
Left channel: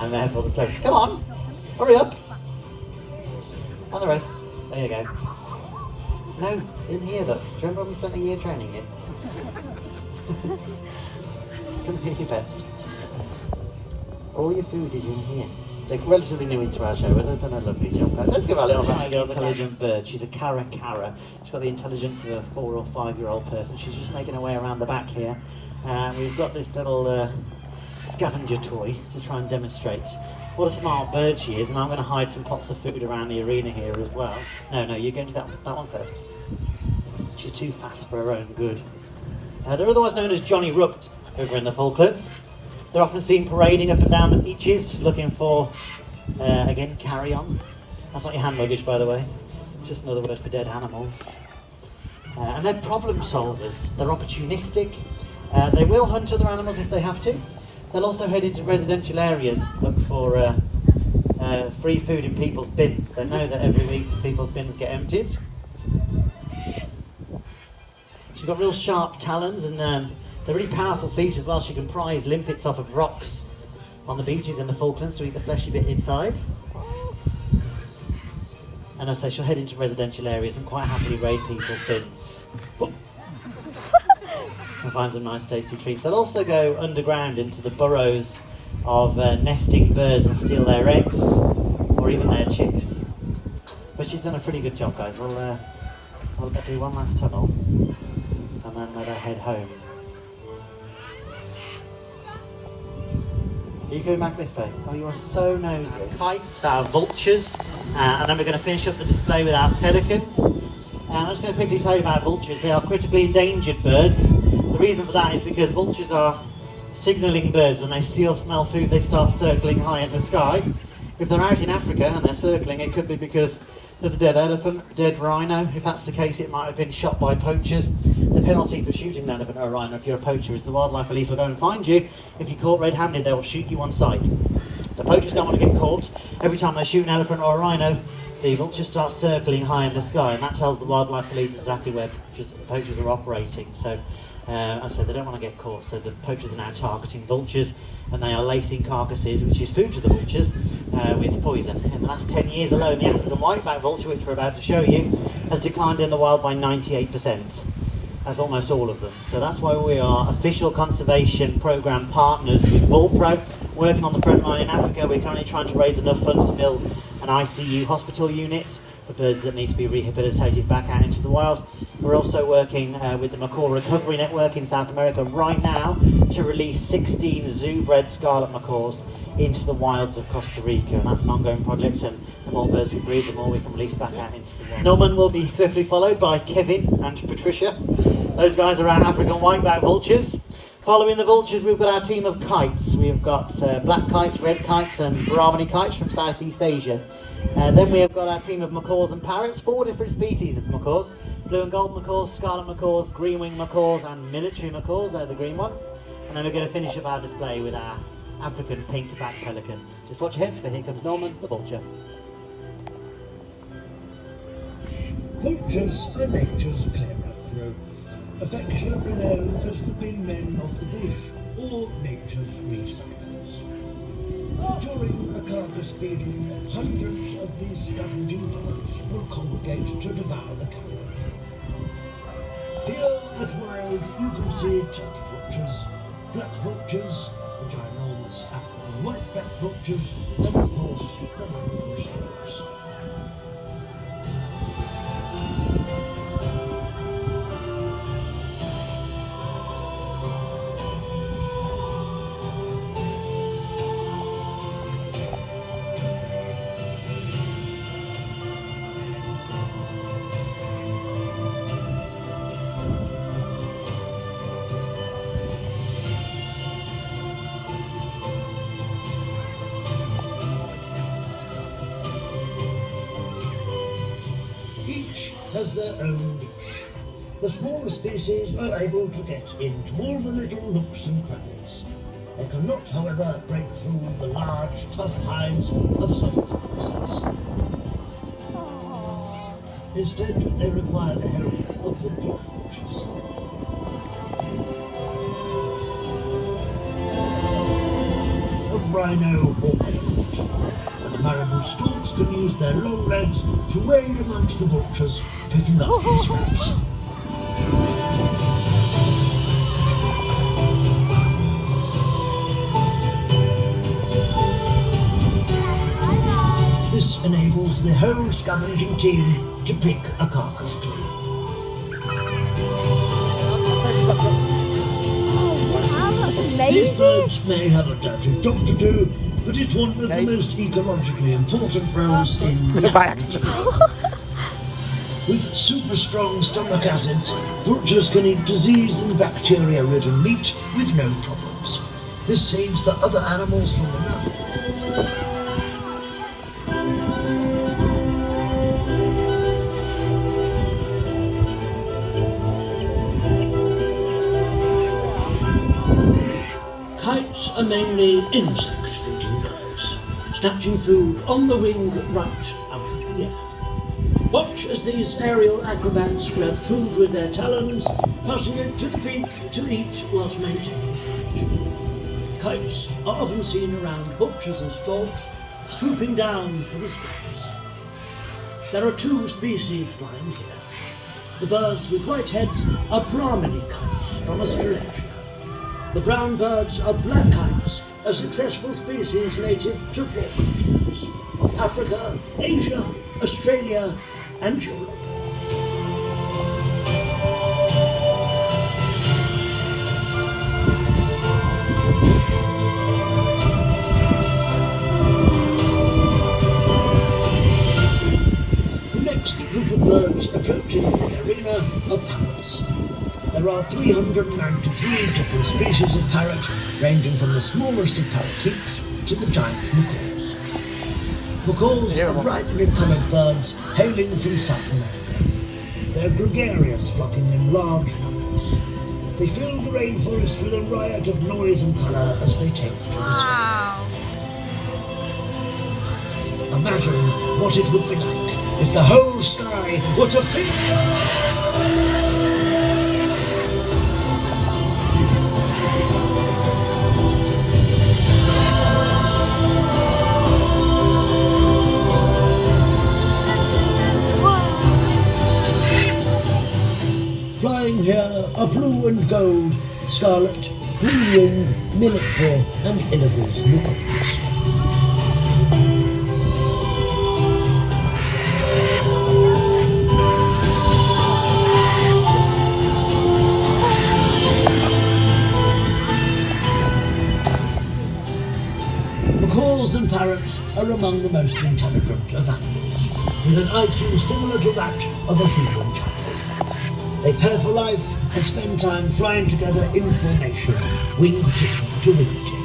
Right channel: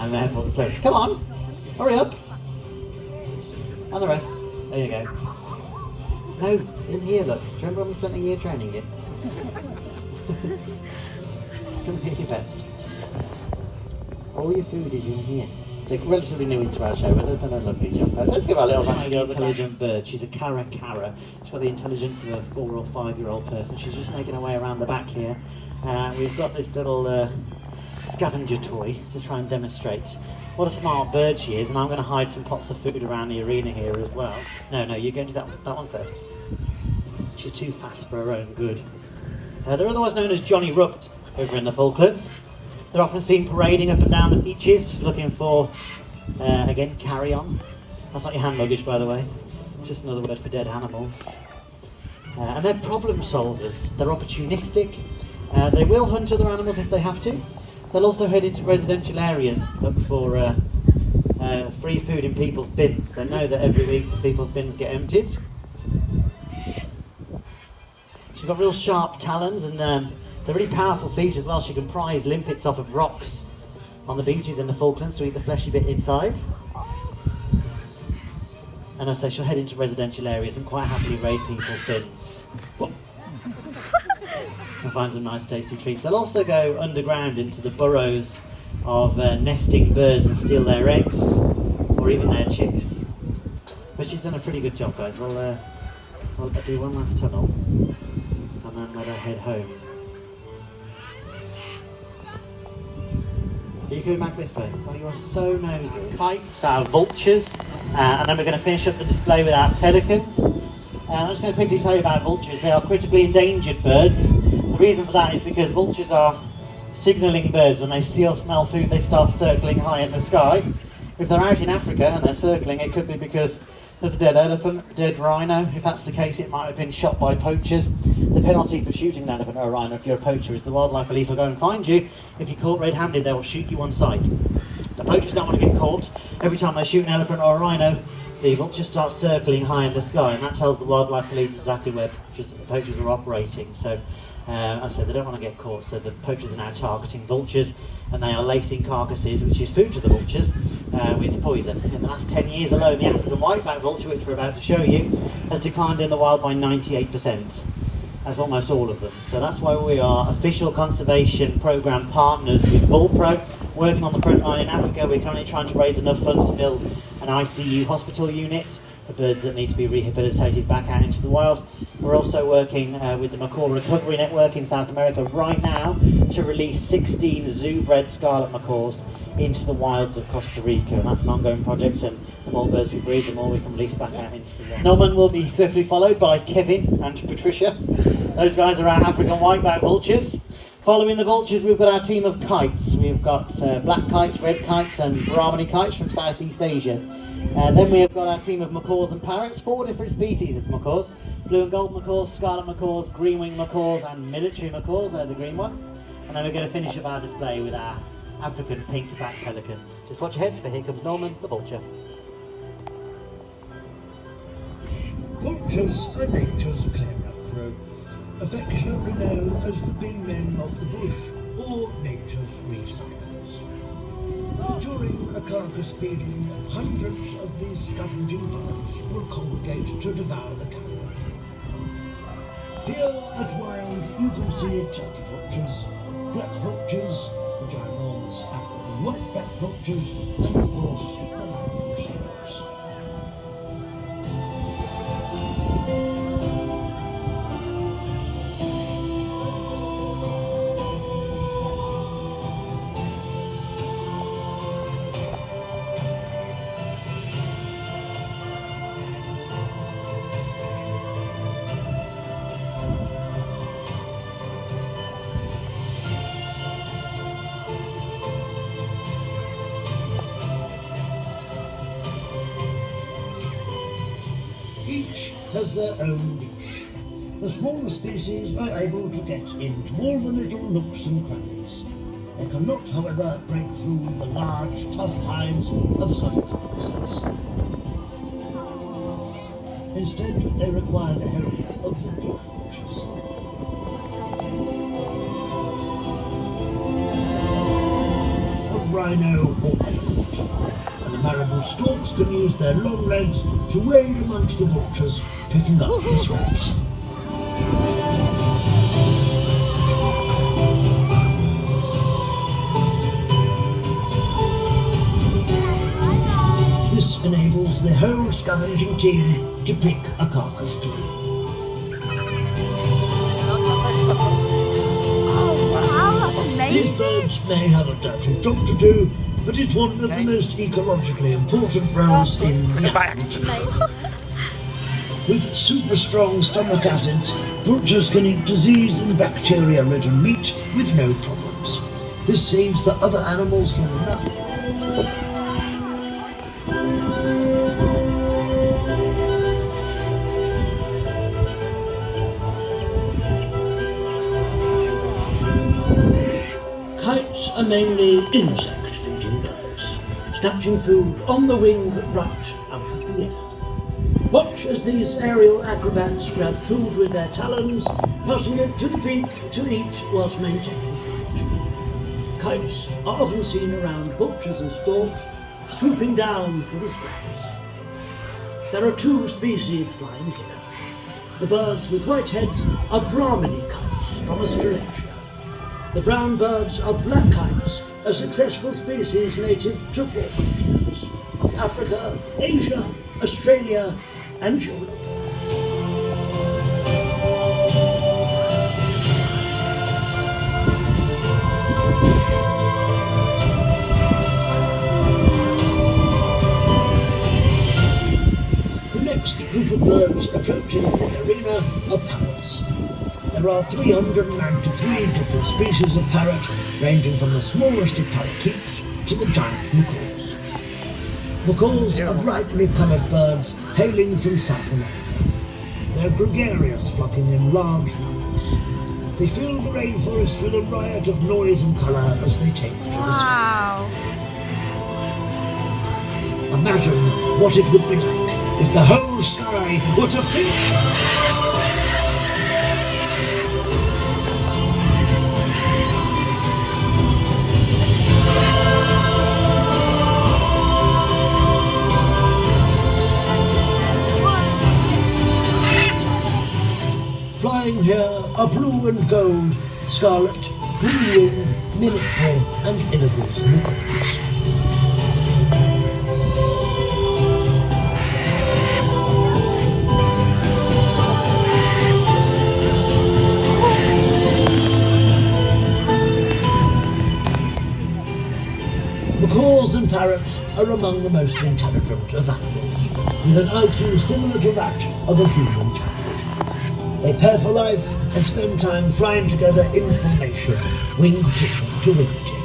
And therefore the slowest. Come on! Hurry up! And the rest. There you go. No, in here, look. Do you remember when we spent a year training it? Come here, your best. All your food is in here. They're relatively new into our show, but they've done a lovely job. Let's give our little intelligent bird. She's a cara. She's got the intelligence of a 4 or 5-year-old person. She's just making her way around the back here. We've got this little scavenger toy to try and demonstrate what a smart bird she is, and I'm going to hide some pots of food around the arena here as well. No, you're going to do that one first. She's too fast for her own good. They're otherwise known as Johnny Rooks over in the Falklands. They're often seen parading up and down the beaches, looking for, again, carry-on. That's not your hand luggage, by the way. It's just another word for dead animals. And they're problem solvers. They're opportunistic. They will hunt other animals if they have to. They'll also head into residential areas, look for free food in people's bins. They know that every week people's bins get emptied. She's got real sharp talons, and they're really powerful feet as well. She can prise limpets off of rocks on the beaches in the Falklands to eat the fleshy bit inside. And as I say, she'll head into residential areas and quite happily raid people's bins and find some nice tasty treats. They'll also go underground into the burrows of nesting birds and steal their eggs or even their chicks. But she's done a pretty good job, guys. We'll do one last tunnel and then let her head home. Are you going back this way? Oh, you are so nosy. Kites, our vultures, and then we're going to finish up the display with our pelicans. I'm just going to quickly tell you about vultures. They are critically endangered birds. The reason for that is because vultures are signalling birds. When they see or smell food, they start circling high in the sky. If they're out in Africa and they're circling, it could be because there's a dead elephant, dead rhino. If that's the case, it might have been shot by poachers. The penalty for shooting an elephant or a rhino if you're a poacher is the wildlife police will go and find you. If you're caught red-handed, they will shoot you on sight. The poachers don't want to get caught. Every time they shoot an elephant or a rhino, the vultures start circling high in the sky, and that tells the wildlife police exactly where the poachers are operating. So, as I said, they don't want to get caught, so the poachers are now targeting vultures, and they are lacing carcasses, which is food to the vultures, with poison. In the last 10 years alone, the African whiteback vulture, which we're about to show you, has declined in the wild by 98%. That's almost all of them. So that's why we are official conservation programme partners with Vulpro, working on the front line in Africa. We're currently trying to raise enough funds to build an ICU hospital unit for birds that need to be rehabilitated back out into the wild. We're also working with the Macaw Recovery Network in South America right now to release 16 zoo-bred scarlet macaws into the wilds of Costa Rica, and that's an ongoing project, and the more birds we breed, the more we can release back out into the wild. Norman will be swiftly followed by Kevin and Patricia. Those guys are our African whiteback vultures. Following the vultures, we've got our team of kites. We've got black kites, red kites and Brahmani kites from Southeast Asia. Then we have got our team of macaws and parrots, 4 different species of macaws. Blue and gold macaws, scarlet macaws, green-winged macaws and military macaws, they're the green ones. And then we're going to finish up our display with our African pink-back pelicans. Just watch your head, for here comes Norman the vulture. Vultures are nature's clear-up crew, affectionately known as the bin men of the bush or nature's recyclers. During a carcass feeding, hundreds of these scavenging birds will congregate to devour the carrion. Here at Wild you can see turkey vultures, black vultures, the ginormous African whiteback vultures, and of course the nautical storks. Each has their own niche. The smaller species are able to get into all the little nooks and crannies. They cannot, however, break through the large, tough hides of some carcasses. Instead, they require the help of the big vultures. Of rhino or elephant, and the marabou storks can use their long legs to wade amongst the vultures, picking up the scraps. This enables the whole scavenging team to pick a carcass clean. These birds may have a dirty job to do, but it's one of the most ecologically important roles in the animal kingdom. With super strong stomach acids, vultures can eat disease and bacteria-ridden meat with no problems. This saves the other animals from the nut. are mainly insect-feeding birds, snatching food on the wing right out of the air. Watch as these aerial acrobats grab food with their talons, passing it to the beak to eat whilst maintaining flight. Kites are often seen around vultures and storks, swooping down for the scraps. There are two species flying here. The birds with white heads are Brahminy kites from Australasia. The brown birds are black kites, a successful species native to 4 continents: Africa, Asia, Australia, and Europe. The next group of birds approaching the arena are parrots. There are 393 different species of parrot, ranging from the smallest of parakeets to the giant macaws. Macaws are brightly coloured birds hailing from South America. They're gregarious, flocking in large numbers. They fill the rainforest with a riot of noise and colour as they take to the sky. Imagine what it would be like if the whole sky were to fill. Flying here are blue and gold, scarlet, green-winged, military and Illibles macaws. Macaws and parrots are among the most intelligent of animals, with an IQ similar to that of a human child. They pair for life and spend time flying together in formation, wingtip to wingtip.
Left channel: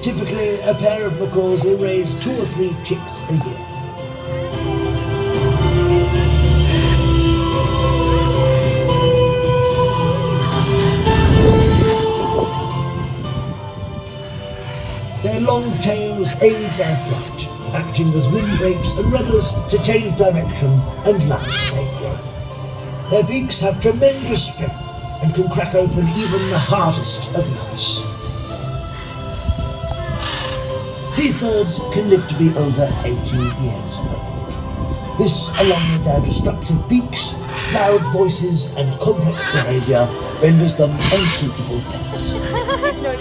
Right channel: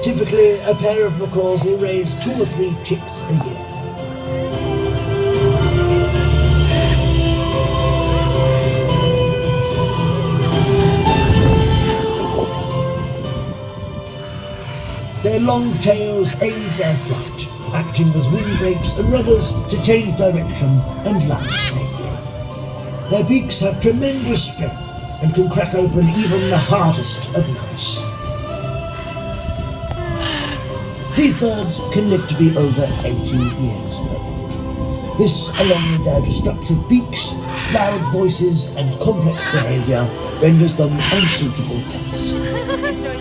Typically, a pair of macaws will raise 2 or 3 chicks a year. Their long tails aid their flight, acting as windbreaks and rudders to change direction and land safely. Their beaks have tremendous strength and can crack open even the hardest of nuts. These birds can live to be over 80 years old. This, along with their destructive beaks, loud voices and complex behaviour, renders them unsuitable pets.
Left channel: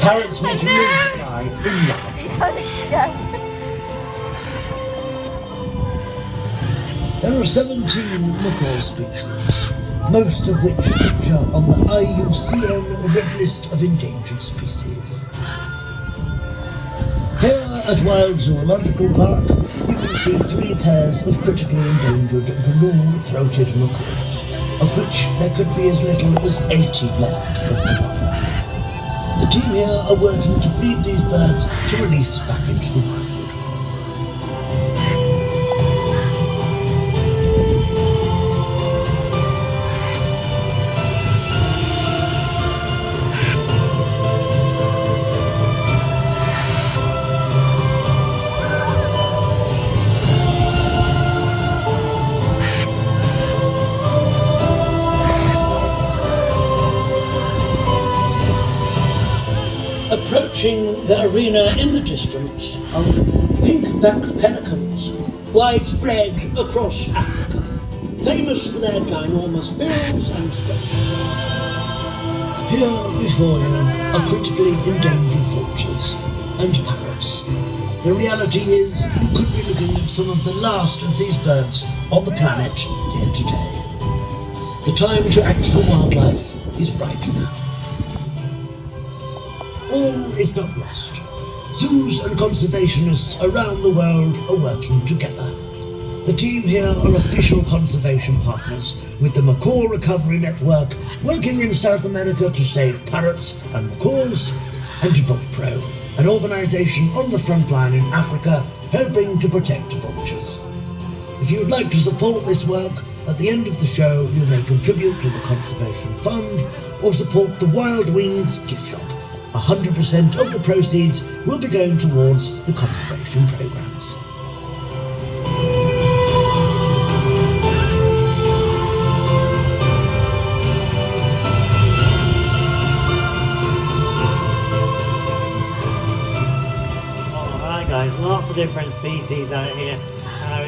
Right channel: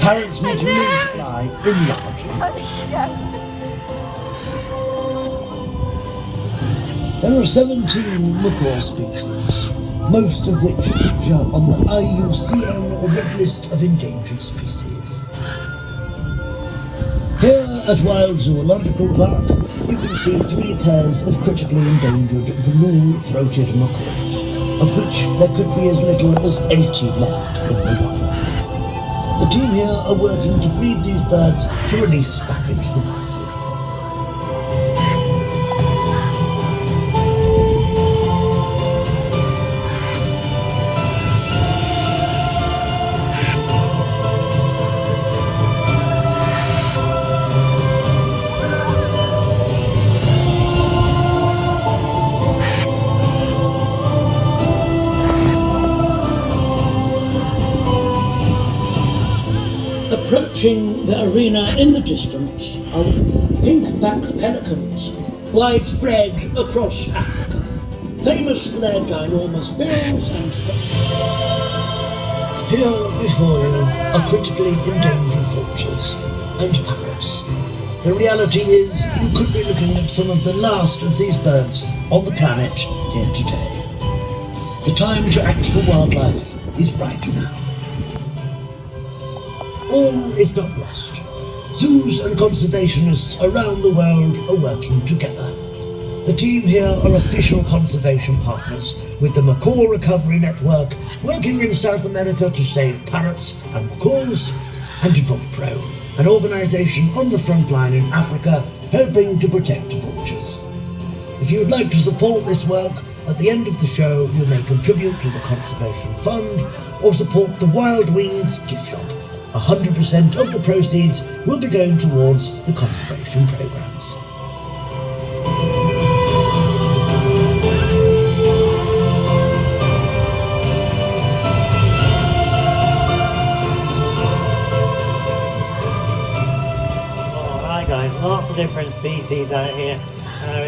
Parrots need to live and fly in large groups. There are 17 macaw species, most of which feature on the IUCN Red List of Endangered Species. Here at Wild Zoological Park, you can see 3 pairs of critically endangered blue-throated macaws, of which there could be as little as 80 left in the wild. The team here are working to breed these birds to release back into the wild. Approaching the arena in the distance are pink-backed pelicans, widespread across Africa, famous for their ginormous bills and structures. Here before you are critically endangered vultures and parrots. The reality is you could be looking at some of the last of these birds on the planet here today. The time to act for wildlife is right now. All is not lost. Zoos and conservationists around the world are working together. The team here are official conservation partners with the Macaw Recovery Network, working in South America to save parrots and macaws, and VulPro, an organisation on the front line in Africa helping to protect vultures. If you would like to support this work, at the end of the show you may contribute to the Conservation Fund or support the Wild Wings gift shop 100% of the proceeds will be going towards the conservation programmes. Alright guys, lots of different species out here.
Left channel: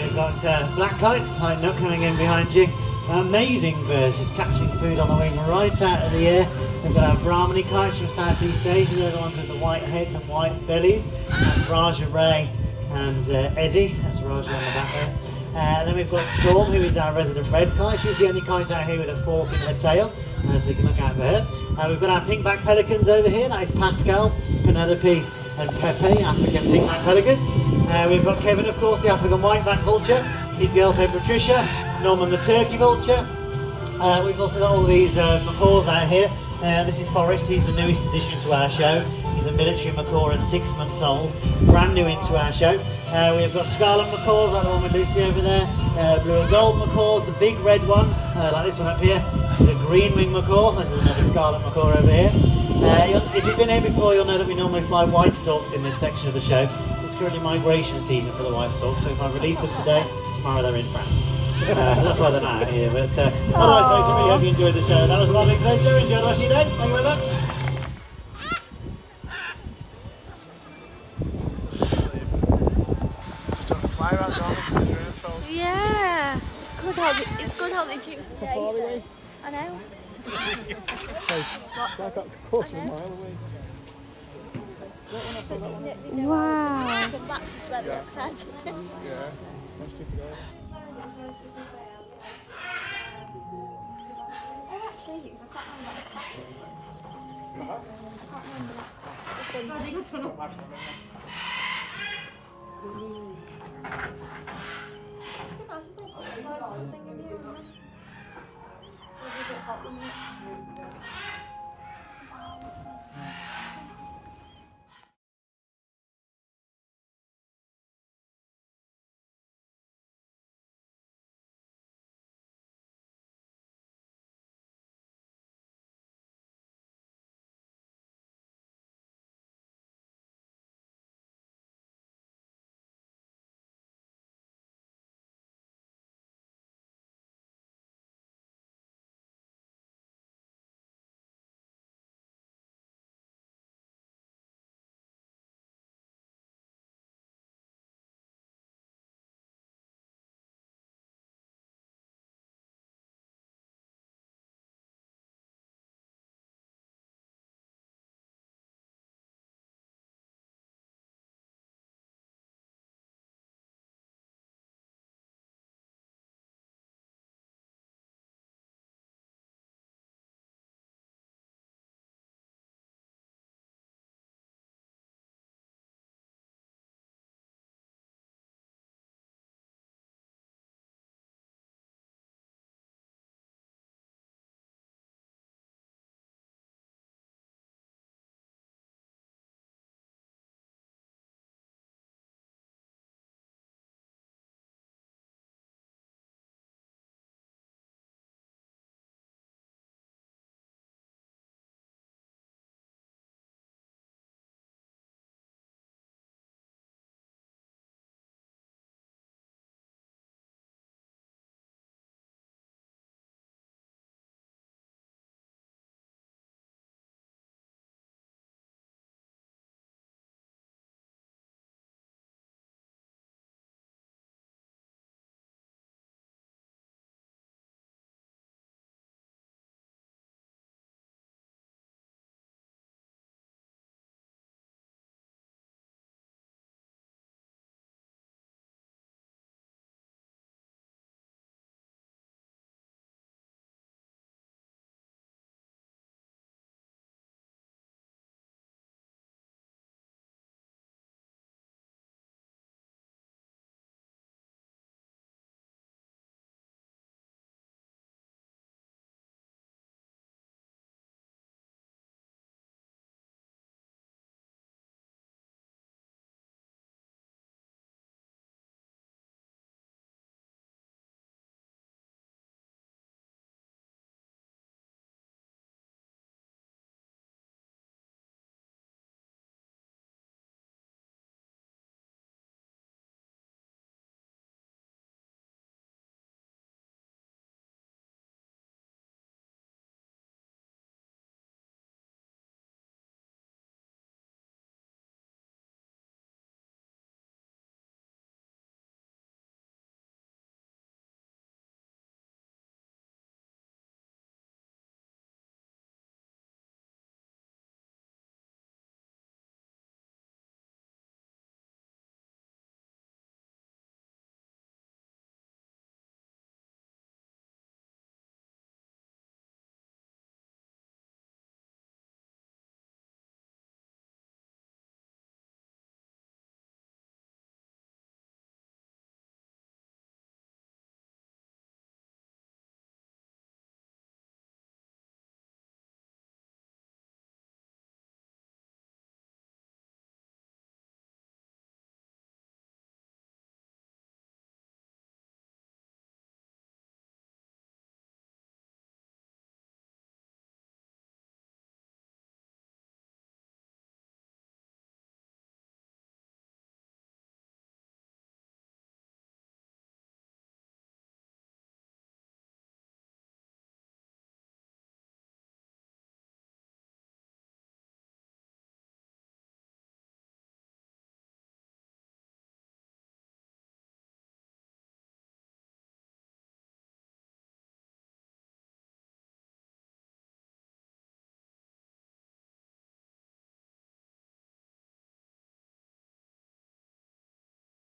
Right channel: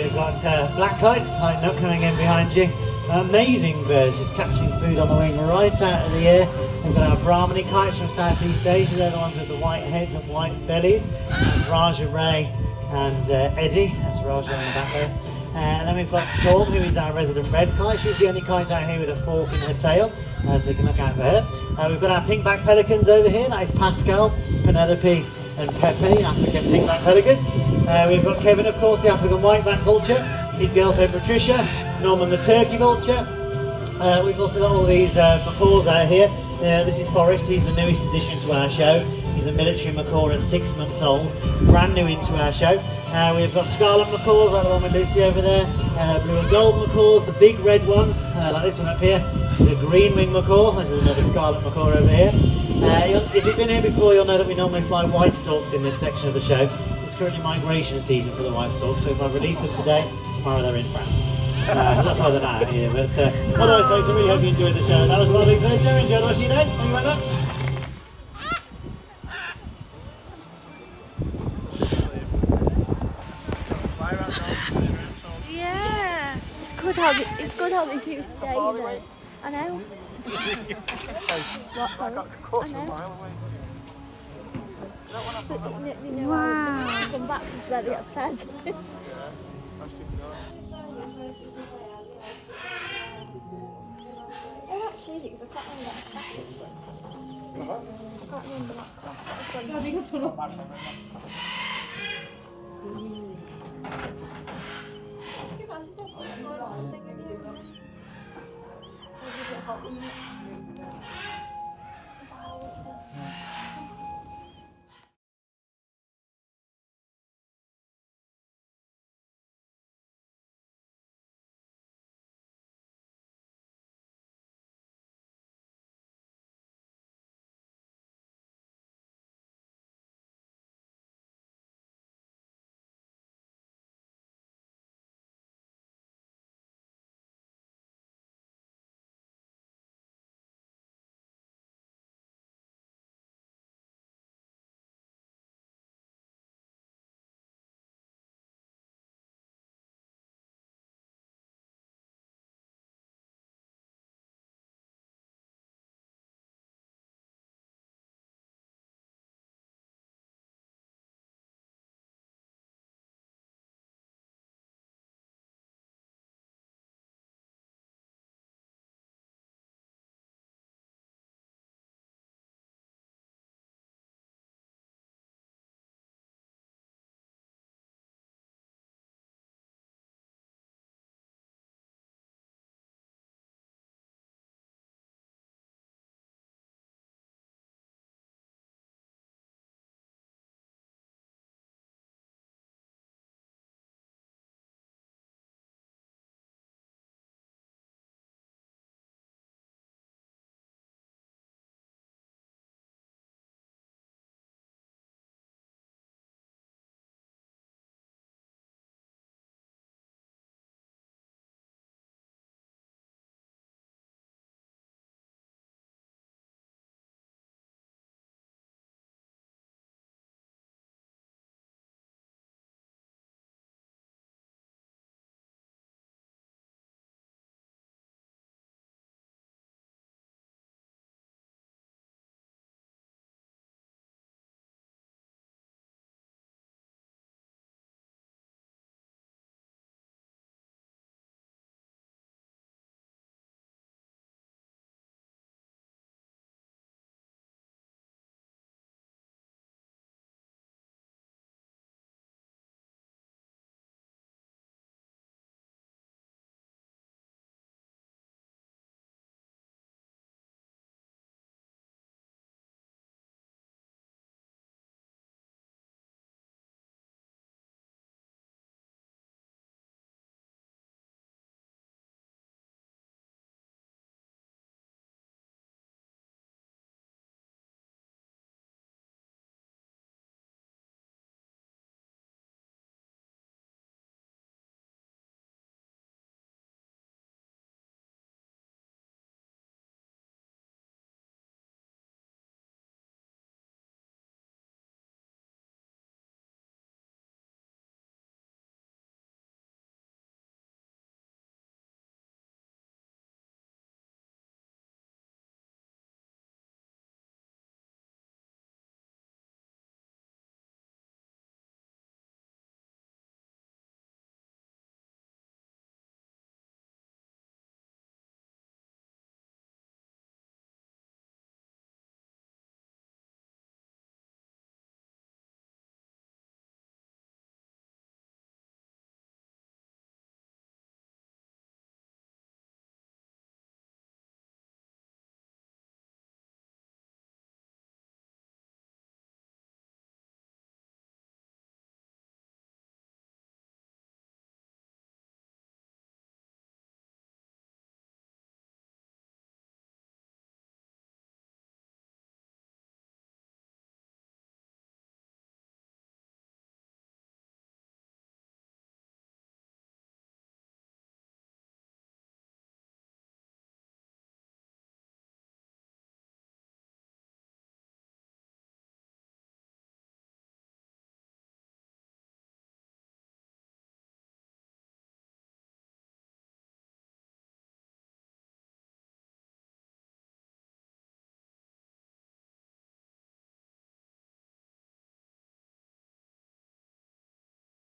We've got black kites hiding up, coming in behind you. Amazing birds, just catching food on the wing right out of the air. We've got our Brahmani kites from Southeast Asia, they're the ones with the white heads and white bellies. That's Raja Ray and Eddie, that's Raja on the back there. And then we've got Storm, who is our resident red kite. She's the only kite out here with a fork in her tail, so you can look out for her. We've got our pink-backed pelicans over here, that is Pascal, Penelope and Pepe, African pink-backed pelicans. We've got Kevin, of course, the African white-backed vulture, his girlfriend Patricia, Norman the turkey vulture. We've also got all these macaws out here. This is Forrest, he's the newest addition to our show. He's a military macaw at 6 months old, brand new into our show. We've got scarlet macaws, like the one with Lucy over there, blue and gold macaws, the big red ones, like this one up here. This is a green wing macaw, this is another scarlet macaw over here. If you've been here before, you'll know that we normally fly white storks in this section of the show. It's currently migration season for the white storks, so if I release them today, tomorrow they're in France. That's why they're not out here, but otherwise folks, I really hope you enjoyed the show. That was a lovely pleasure. Enjoy the rest of your day. Thank you very much. Yeah. It's good how they do. Yeah, you know. I know. I got a quarter of a mile away. Wow. That's where they attach. Oh, actually, because I can't remember. I can't remember that. I think it's full of Something in here.